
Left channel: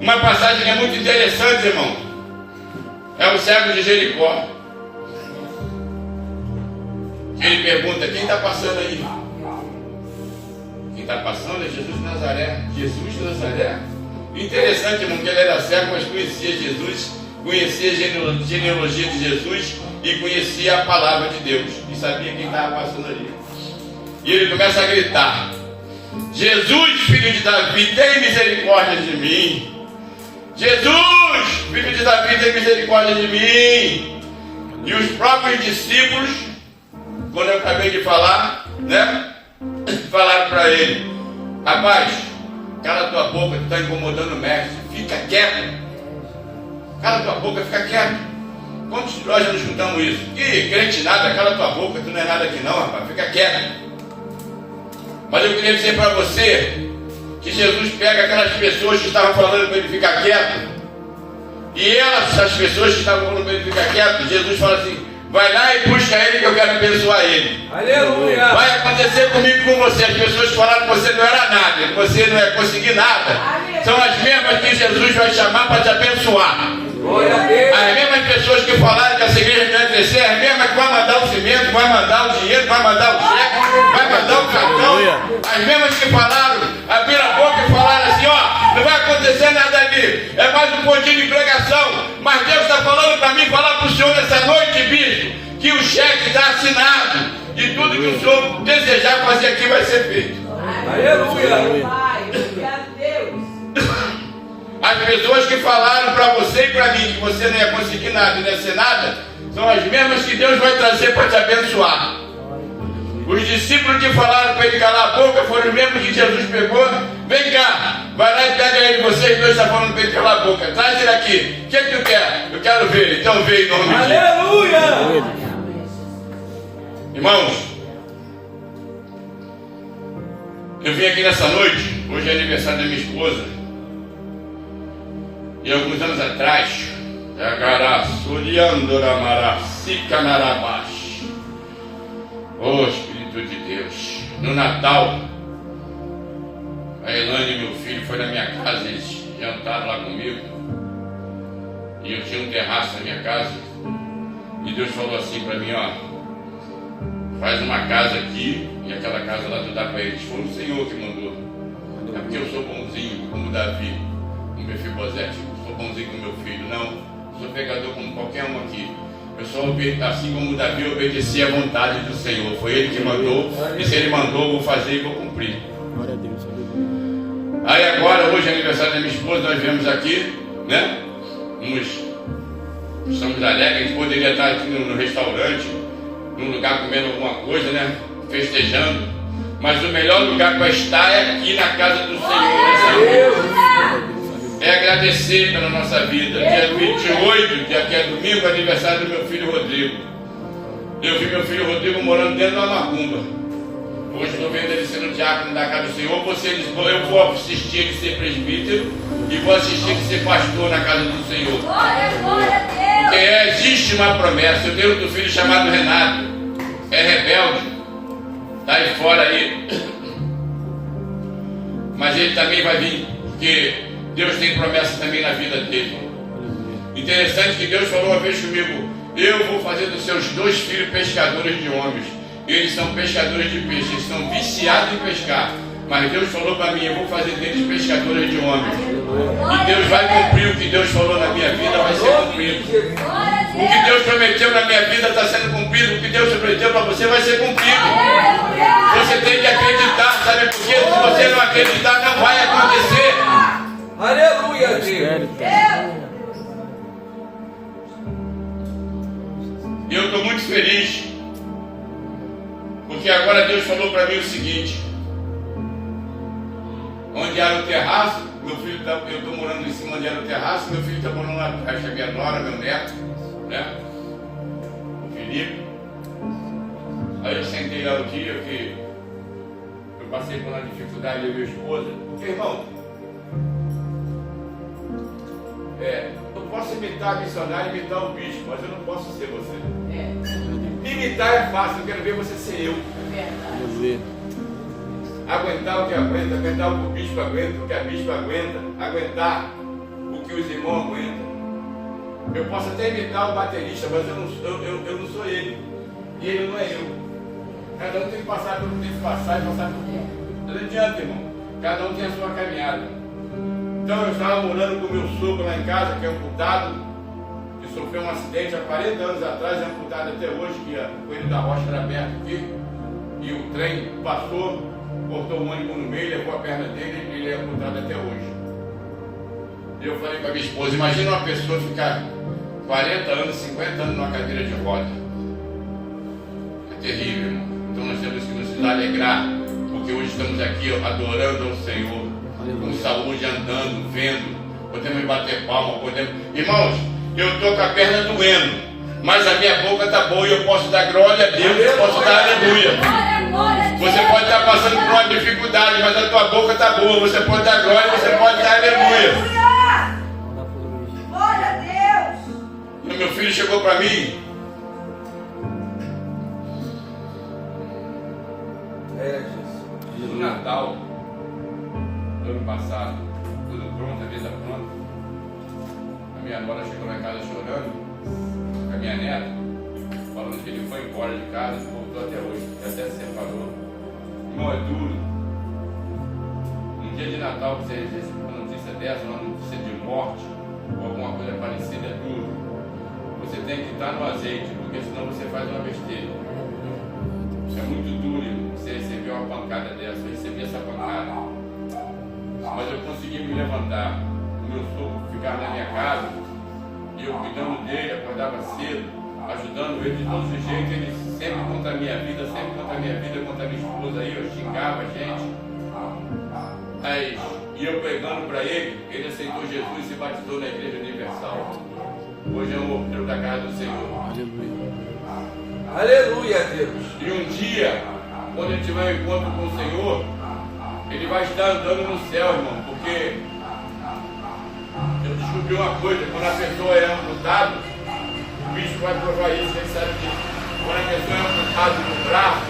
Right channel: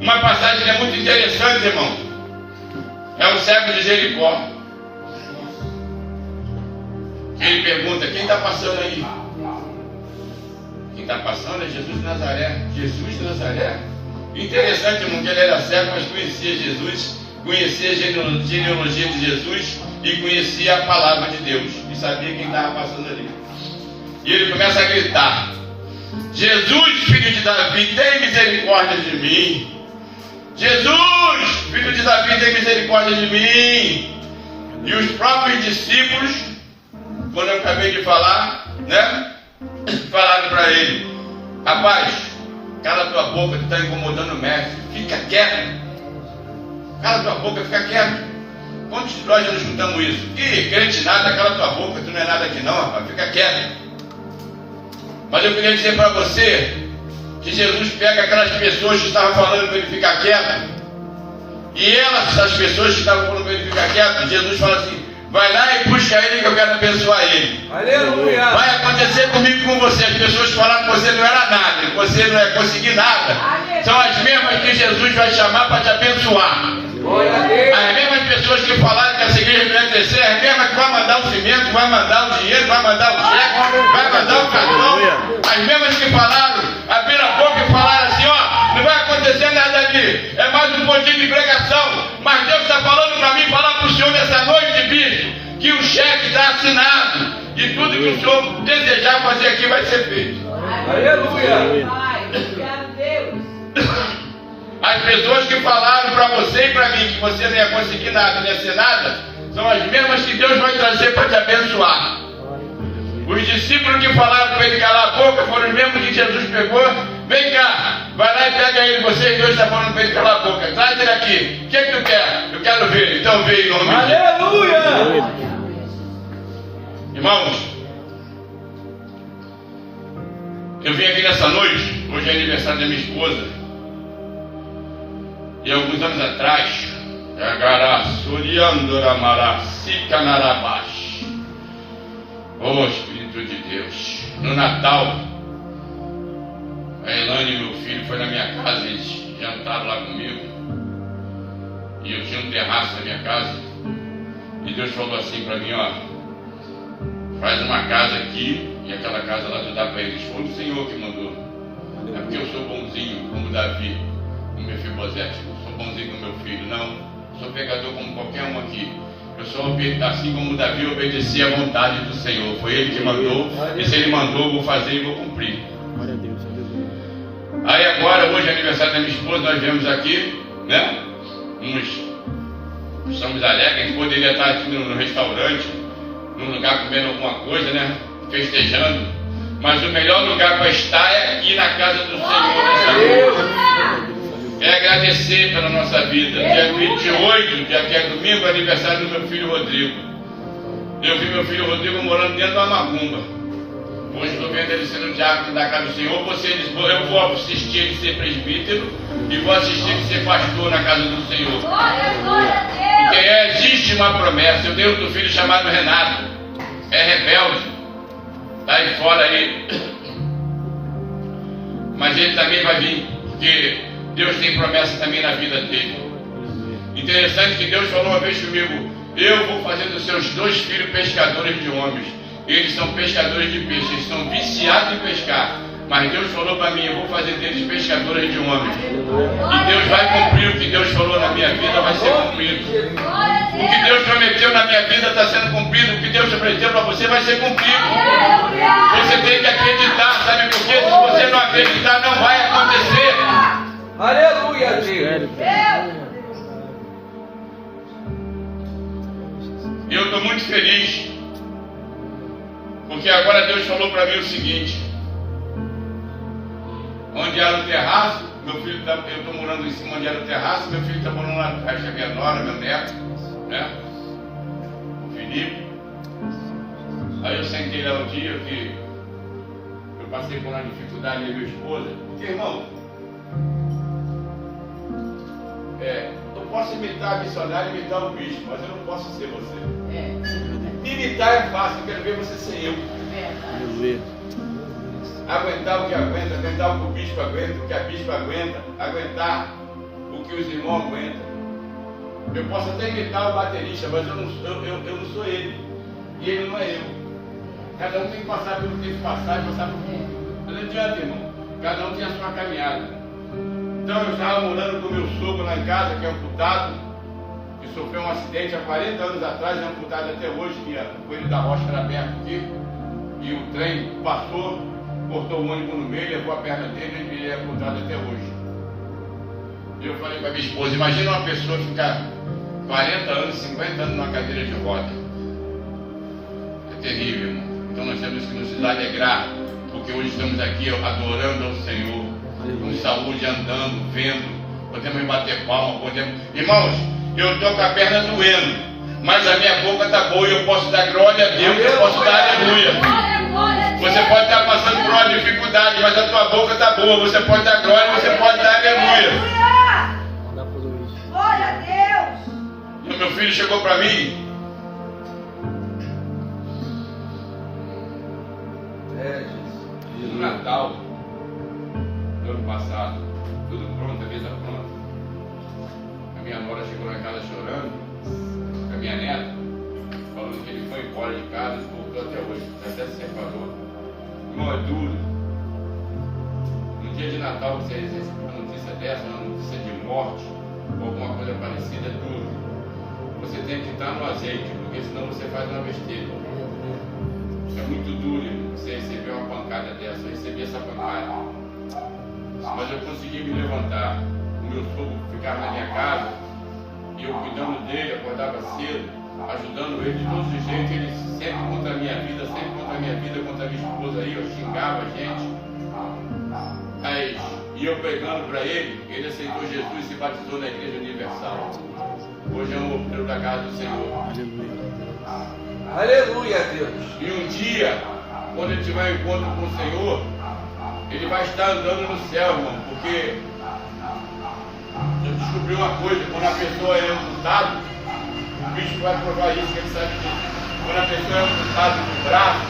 Uma passagem que é muito interessante, irmão, é o cego de Jericó. Ele pergunta: quem está passando aí? Quem está passando é Jesus de Nazaré. Jesus de Nazaré. Interessante, irmão, que ele era cego, mas conhecia Jesus, conhecia a genealogia de Jesus e conhecia a palavra de Deus e sabia quem estava passando ali. E ele começa a gritar: Jesus, filho de Davi, tem misericórdia de mim. Jesus, filho de Davi, tem misericórdia de mim. E os próprios discípulos, quando eu acabei de falar, né, falaram para ele: rapaz, cala tua boca, tu está incomodando o mestre, fica quieto. Cala tua boca, fica quieto. Quantos de nós já nos juntamos isso? Ih, crente nada, cala tua boca, tu não é nada aqui não, rapaz, fica quieto. Mas eu queria dizer para você que Jesus pega aquelas pessoas que estavam falando para ele ficar quieto, e essas pessoas que estavam falando para ele ficar quieto, Jesus fala assim: vai lá e puxa ele que eu quero abençoar ele. Aleluia. Vai acontecer comigo e com você. As pessoas falaram que você não era nada, que você não ia conseguir nada, são as mesmas que Jesus vai chamar para te abençoar. Glória a Deus. As mesmas pessoas que falaram que essa igreja não ia crescer, as mesmas que vai mandar o cimento, vai mandar o dinheiro, vai mandar o cheque, vai mandar o cartão. As mesmas que falaram, abriram a boca e falaram assim: ó, não vai acontecer nada ali, é mais um pontinho de pregação. Mas Deus está falando para mim, falar para o senhor nessa noite, bispo, que o cheque está assinado e tudo que o senhor desejar fazer aqui vai ser feito. Aleluia. Pai, obrigado, Deus. As pessoas que falaram para você e para mim que você não ia conseguir nada, não ia ser nada, são as mesmas que Deus vai trazer para te abençoar. Os discípulos que falaram para ele calar a boca foram os mesmos que Jesus pegou. Vem cá, vai lá e pega ele, vocês dois estão falando para ele calar a boca. Traz ele aqui. O que tu quer? Eu quero ver ele. Então vê em nome de Jesus. Aleluia. Irmãos, eu vim aqui nessa noite, hoje é aniversário da minha esposa. E alguns anos atrás, oh Espírito de Deus, no Natal, a Elane e meu filho foi na minha casa, eles jantaram lá comigo, e eu tinha um terraço na minha casa, e Deus falou assim para mim: ó, faz uma casa aqui, e aquela casa lá tu dá para eles. Foi o Senhor que mandou. É porque eu sou bonzinho, como Davi, como Mefibosete. Sou bonzinho com meu filho. Não, sou pecador como qualquer um aqui. Eu sou assim como Davi, obedeci à vontade do Senhor. Foi Ele que mandou, e se Ele mandou, eu vou fazer e vou cumprir. Glória a Deus, aleluia. Aí agora, hoje é aniversário da minha esposa, nós viemos aqui, né? Estamos alegres, a gente poderia estar aqui no restaurante, num lugar comendo alguma coisa, né? Festejando. Mas o melhor lugar para estar é aqui na casa do Senhor. É agradecer pela nossa vida. Dia 28, dia que é domingo, aniversário do meu filho Rodrigo. Eu vi meu filho Rodrigo morando dentro de uma macumba. Hoje estou vendo ele sendo diácono da casa do Senhor. Eu vou assistir ele ser presbítero e vou assistir ele ser pastor na casa do Senhor. Glória a Deus. Porque existe uma promessa. Eu tenho outro filho chamado Renato. É rebelde. Está aí fora aí. Mas ele também vai vir. Porque Deus tem promessa também na vida dele. Interessante que Deus falou uma vez comigo: eu vou fazer dos seus 2 filhos pescadores de homens. Eles são pescadores de peixe, eles estão viciados em pescar. Mas Deus falou para mim: eu vou fazer deles pescadores de homens. E Deus vai cumprir o que Deus falou na minha vida, vai ser cumprido. O que Deus prometeu na minha vida está sendo cumprido. O que Deus prometeu para você vai ser cumprido. Você tem que acreditar, sabe por quê? Se você não acreditar, não vai acontecer. Aleluia, Deus. E eu estou muito feliz, porque agora Deus falou para mim o seguinte: onde era o terraço, meu filho tá, eu estou morando em cima onde era o terraço, meu filho está morando lá atrás, que é minha nora, meu neto, né? O Felipe. Aí eu sentei lá o dia que eu passei por uma dificuldade com minha esposa. Porque, irmão, eu posso imitar a missionária e imitar o bispo, mas eu não posso ser você. É. Imitar é fácil, eu quero ver você ser eu. Verdade. Aleluia. Aguentar o que aguenta, aguentar o que o bispo aguenta, o que a bispa aguenta, aguentar o que os irmãos aguentam. Eu posso até imitar o baterista, mas eu não sou ele. E ele não é eu. Cada um tem que passar pelo que tem que passar e passar por tudo. Não adianta, irmão. Cada um tem a sua caminhada. Então eu estava morando com meu sogro lá em casa, que é amputado, que sofreu um acidente há 40 anos atrás, é amputado até hoje, que o coelho da rocha era aberto aqui, e o trem passou, cortou o ônibus no meio, levou a perna dele, e ele é amputado até hoje. E eu falei para minha esposa, imagina uma pessoa ficar 40 anos, 50 anos numa cadeira de roda. É terrível, irmão. Então nós temos que nos alegrar, porque hoje estamos aqui adorando ao Senhor, com saúde, andando, vendo, podemos bater palma, podemos... Irmãos, eu estou com a perna doendo, mas a minha boca está boa e eu posso dar glória a Deus, eu posso dar aleluia. Você pode estar passando por uma dificuldade, mas a tua boca está boa, você pode dar glória, você pode dar aleluia. Glória a Deus. E o meu filho chegou para mim. No Natal do ano passado, tudo pronto, a mesa pronta. A minha nora chegou lá em casa chorando, a minha neta, falando que ele foi embora de casa, voltou até hoje, até se separou. Irmão, é duro. Um dia de Natal você recebe uma notícia dessa, uma notícia de morte, ou alguma coisa parecida, é duro. Você tem que estar no azeite, porque senão você faz uma besteira. É muito duro, irmão, você receber uma pancada dessa, eu recebi essa pancada. Mas eu consegui me levantar. O meu sogro ficava na minha casa, e eu cuidando dele, acordava cedo, ajudando ele de todos os jeitos, ele sempre contra a minha vida, contra a minha esposa aí, eu xingava a gente. Aí, e eu pregando para ele, ele aceitou Jesus e se batizou na Igreja Universal. Hoje é o obreiro da casa do Senhor. Aleluia, Deus. E um dia, quando ele tiver um encontro com o Senhor, ele vai estar andando no céu, irmão, porque eu descobri uma coisa, quando a pessoa é amputada, o bicho vai provar isso, quem sabe disso. Quando a pessoa é amputada no braço,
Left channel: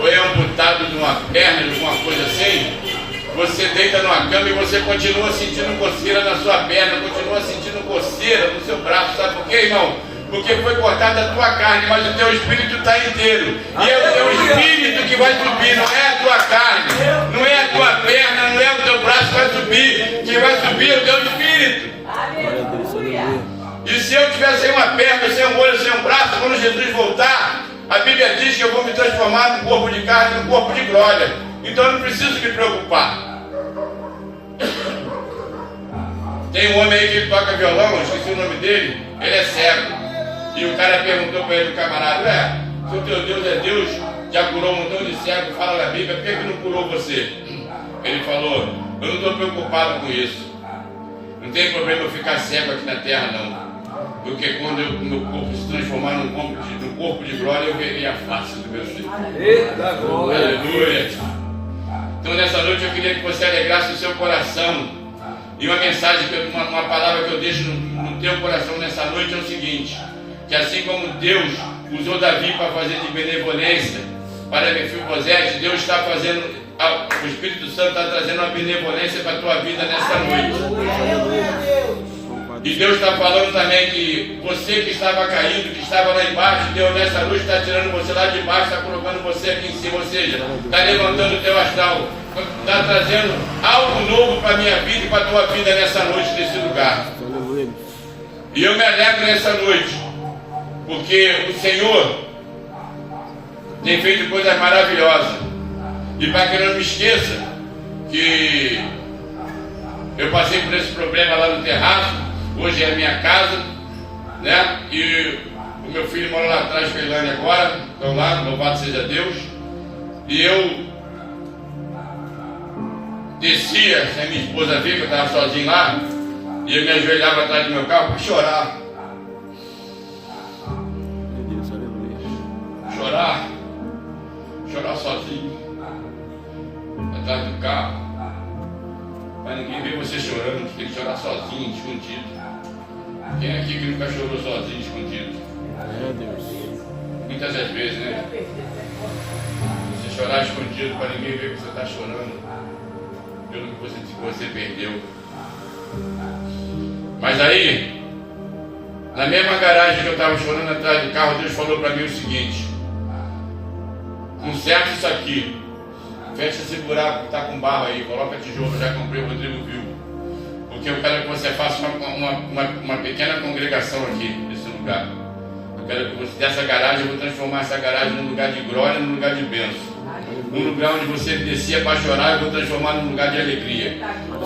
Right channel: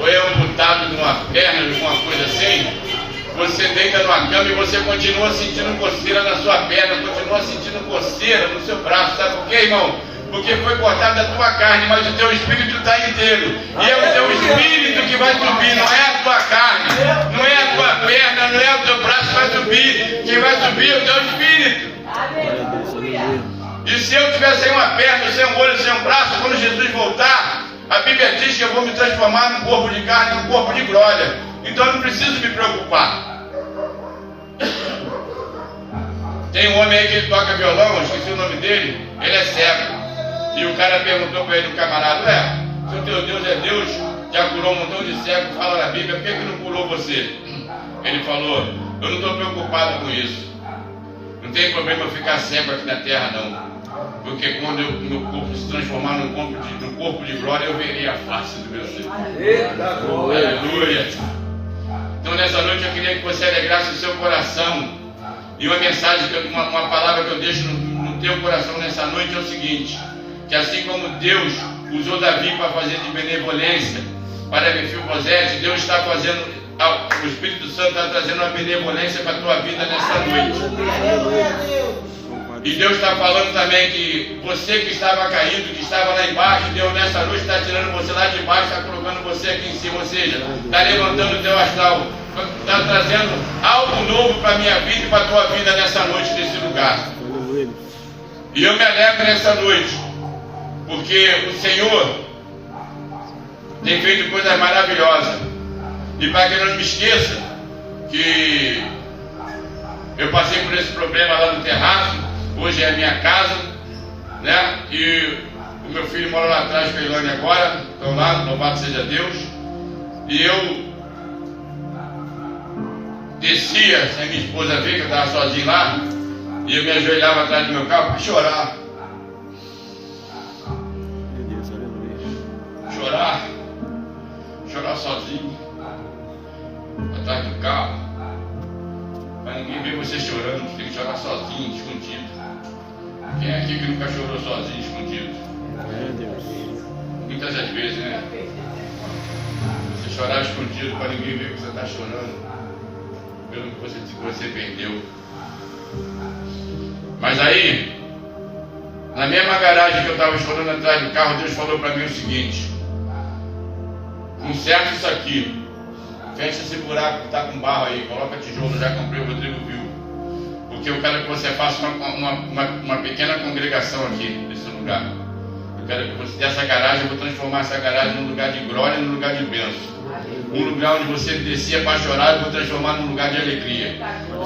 ou é amputada numa perna, alguma coisa assim, você deita numa cama e você continua sentindo coceira na sua perna, continua sentindo coceira no seu braço, sabe por quê, irmão? Porque foi cortada a tua carne, mas o teu espírito está inteiro. E é o teu espírito que vai subir, não é a tua carne, não é a tua perna, não é o teu braço que vai subir. Quem vai subir é o teu espírito. Aleluia. E se eu tiver sem uma perna, sem um olho, sem um braço, quando Jesus voltar, a Bíblia diz que eu vou me transformar num corpo de carne, num corpo de glória. Então eu não preciso me preocupar. Tem um homem aí que toca violão, esqueci o nome dele, ele é cego. E o cara perguntou para ele, o camarada, se o teu Deus é Deus, já curou um montão de cegos, fala na Bíblia, por que não curou você? Ele falou, eu não estou preocupado com isso. Não tem problema eu ficar cego aqui na terra, não. Porque quando meu corpo se transformar num corpo de glória, eu verei a face do meu Senhor. Eita glória. Aleluia. Então nessa noite eu queria que você alegrasse o seu coração. E uma mensagem, uma palavra que eu deixo no teu coração nessa noite é o seguinte: que assim como Deus usou Davi para fazer de benevolência para Mefibosete, Deus está fazendo, o Espírito Santo está trazendo uma benevolência para a tua vida nessa noite. E Deus está falando também que você que estava caído, que estava lá embaixo, Deus nessa noite está tirando você lá de baixo, está colocando você aqui em cima, ou seja, está levantando o teu astral, está trazendo algo novo para a minha vida e para a tua vida nessa noite, nesse lugar. E eu me alegro nessa noite, porque o Senhor tem feito coisas maravilhosas. E para que eu não me esqueça que eu passei por esse problema lá no terraço, hoje é a minha casa, né? E o meu filho mora lá atrás com a Ilane agora, estão lá, louvado seja Deus. E eu descia, sem minha esposa vir, que eu estava sozinho lá, e eu me ajoelhava atrás do meu carro para chorar. Chorar sozinho, atrás do carro, para ninguém ver você chorando, tem que chorar sozinho, escondido. Quem aqui que nunca chorou sozinho, escondido? É, Deus. Muitas das vezes, né? Você chorar escondido para ninguém ver que você está chorando pelo que você perdeu. Mas aí, na mesma garagem que eu estava chorando atrás do carro, Deus falou para mim o seguinte: conserta isso aqui, fecha esse buraco que está com barro aí, coloca tijolo, já comprei, o Rodrigo viu. Porque eu quero que você faça uma pequena congregação aqui, nesse lugar. Eu quero que você, dessa garagem, eu vou transformar essa garagem num lugar de glória e num lugar de bênção. Um lugar onde você descia para chorar, eu vou transformar num lugar de alegria.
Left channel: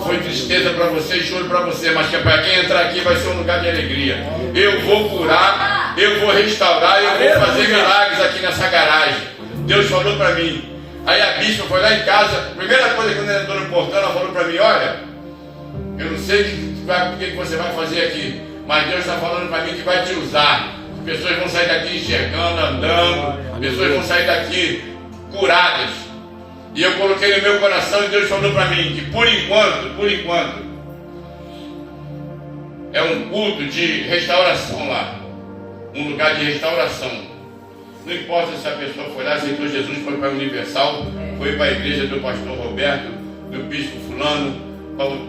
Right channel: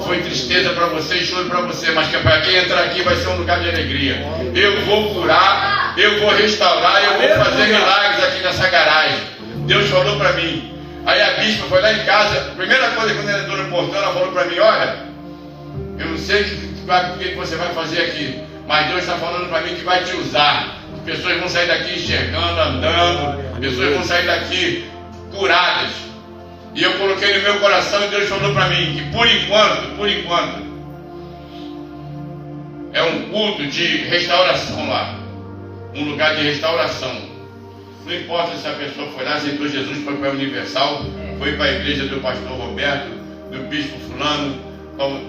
Foi tristeza para você e choro para você, mas que para quem entrar aqui vai ser um lugar de alegria. Eu vou curar, eu vou restaurar e eu vou fazer milagres aqui nessa garagem. Deus falou para mim. Aí a bispa foi lá em casa, a primeira coisa quando ela entrou no portão, ela falou para mim: olha, eu não sei o que você vai fazer aqui, mas Deus está falando para mim que vai te usar. As pessoas vão sair daqui enxergando, andando, pessoas vão sair daqui curadas. E eu coloquei no meu coração e Deus falou para mim que por enquanto, é um culto de restauração lá, um lugar de restauração. Não importa se a pessoa foi lá, aceitou Jesus, foi para a Universal, foi para a igreja do pastor Roberto, do bispo fulano,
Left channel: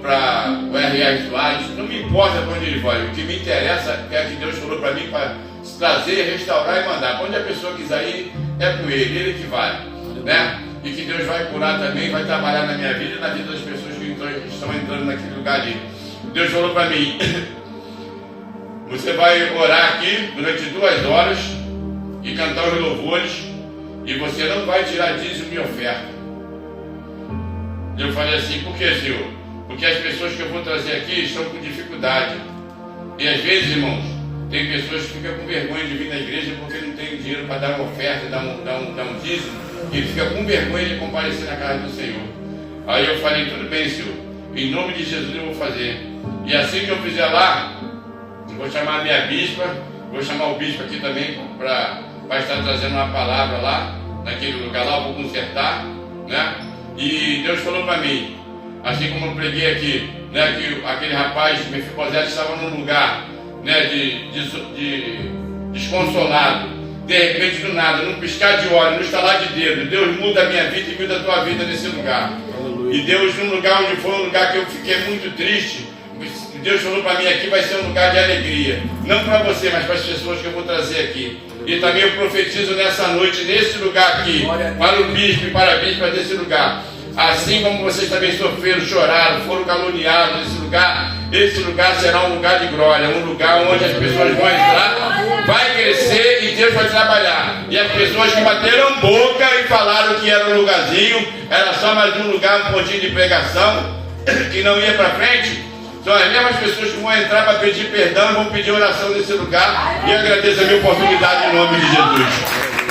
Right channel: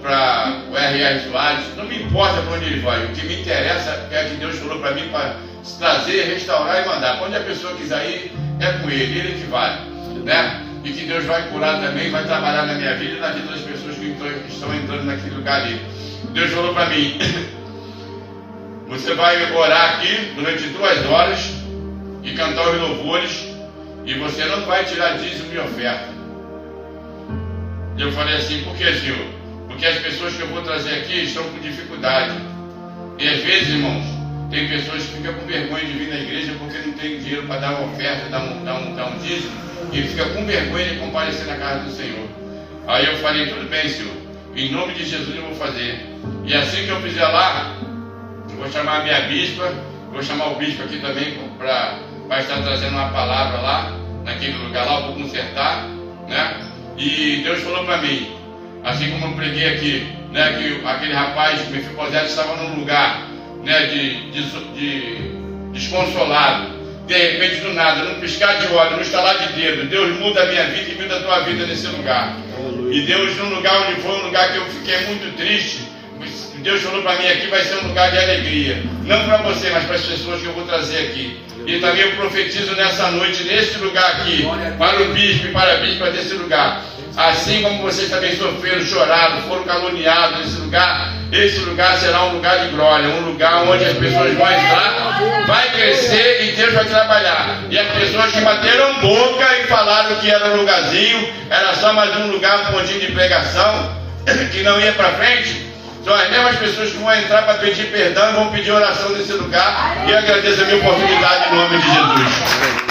para o R.R. Soares, não me importa para onde ele vai. O que me interessa é que Deus falou para mim para trazer, restaurar e mandar. Para onde a pessoa quiser ir, é com ele que vai, né? E que Deus vai curar também, vai trabalhar na minha vida e na vida das pessoas que estão entrando naquele lugar ali. Deus falou para mim: você vai orar aqui durante 2 horas e cantar os louvores, e você não vai tirar dízimo e oferta. Eu falei assim: por que, Senhor? Porque as pessoas que eu vou trazer aqui estão com dificuldade. E às vezes, irmãos, tem pessoas que ficam com vergonha de vir na igreja porque não tem dinheiro para dar uma oferta, dar um dízimo, e fica com vergonha de comparecer na casa do Senhor. Aí eu falei: tudo bem, Senhor, em nome de Jesus eu vou fazer. E assim que eu fizer lá, eu vou chamar a minha bispa, vou chamar o bispo aqui também para estar trazendo uma palavra lá, naquele lugar lá, eu vou consertar, né? E Deus falou para mim, assim como eu preguei aqui, né, que aquele rapaz, Mefibosete, estava num lugar, né, de desconsolado. De repente, do nada, num piscar de olhos, num estalar de dedo, Deus muda a minha vida e muda a tua vida nesse lugar. E Deus, num lugar onde foi um lugar que eu fiquei muito triste, Deus falou para mim: aqui vai ser um lugar de alegria. Não para você, mas para as pessoas que eu vou trazer aqui. E também eu profetizo nessa noite, nesse lugar aqui, para o bispo e para a bispa desse lugar. Assim como vocês também sofreram, choraram, foram caluniados nesse lugar, esse lugar será um lugar de glória, um lugar onde as pessoas vão entrar, vai crescer e Deus vai trabalhar. E as pessoas que bateram boca e falaram que era um lugarzinho, era só mais um lugar, um pontinho de pregação, que não ia para frente, são as mesmas pessoas que vão entrar para pedir perdão e vão pedir oração nesse lugar. E agradeço a minha oportunidade em nome de Jesus.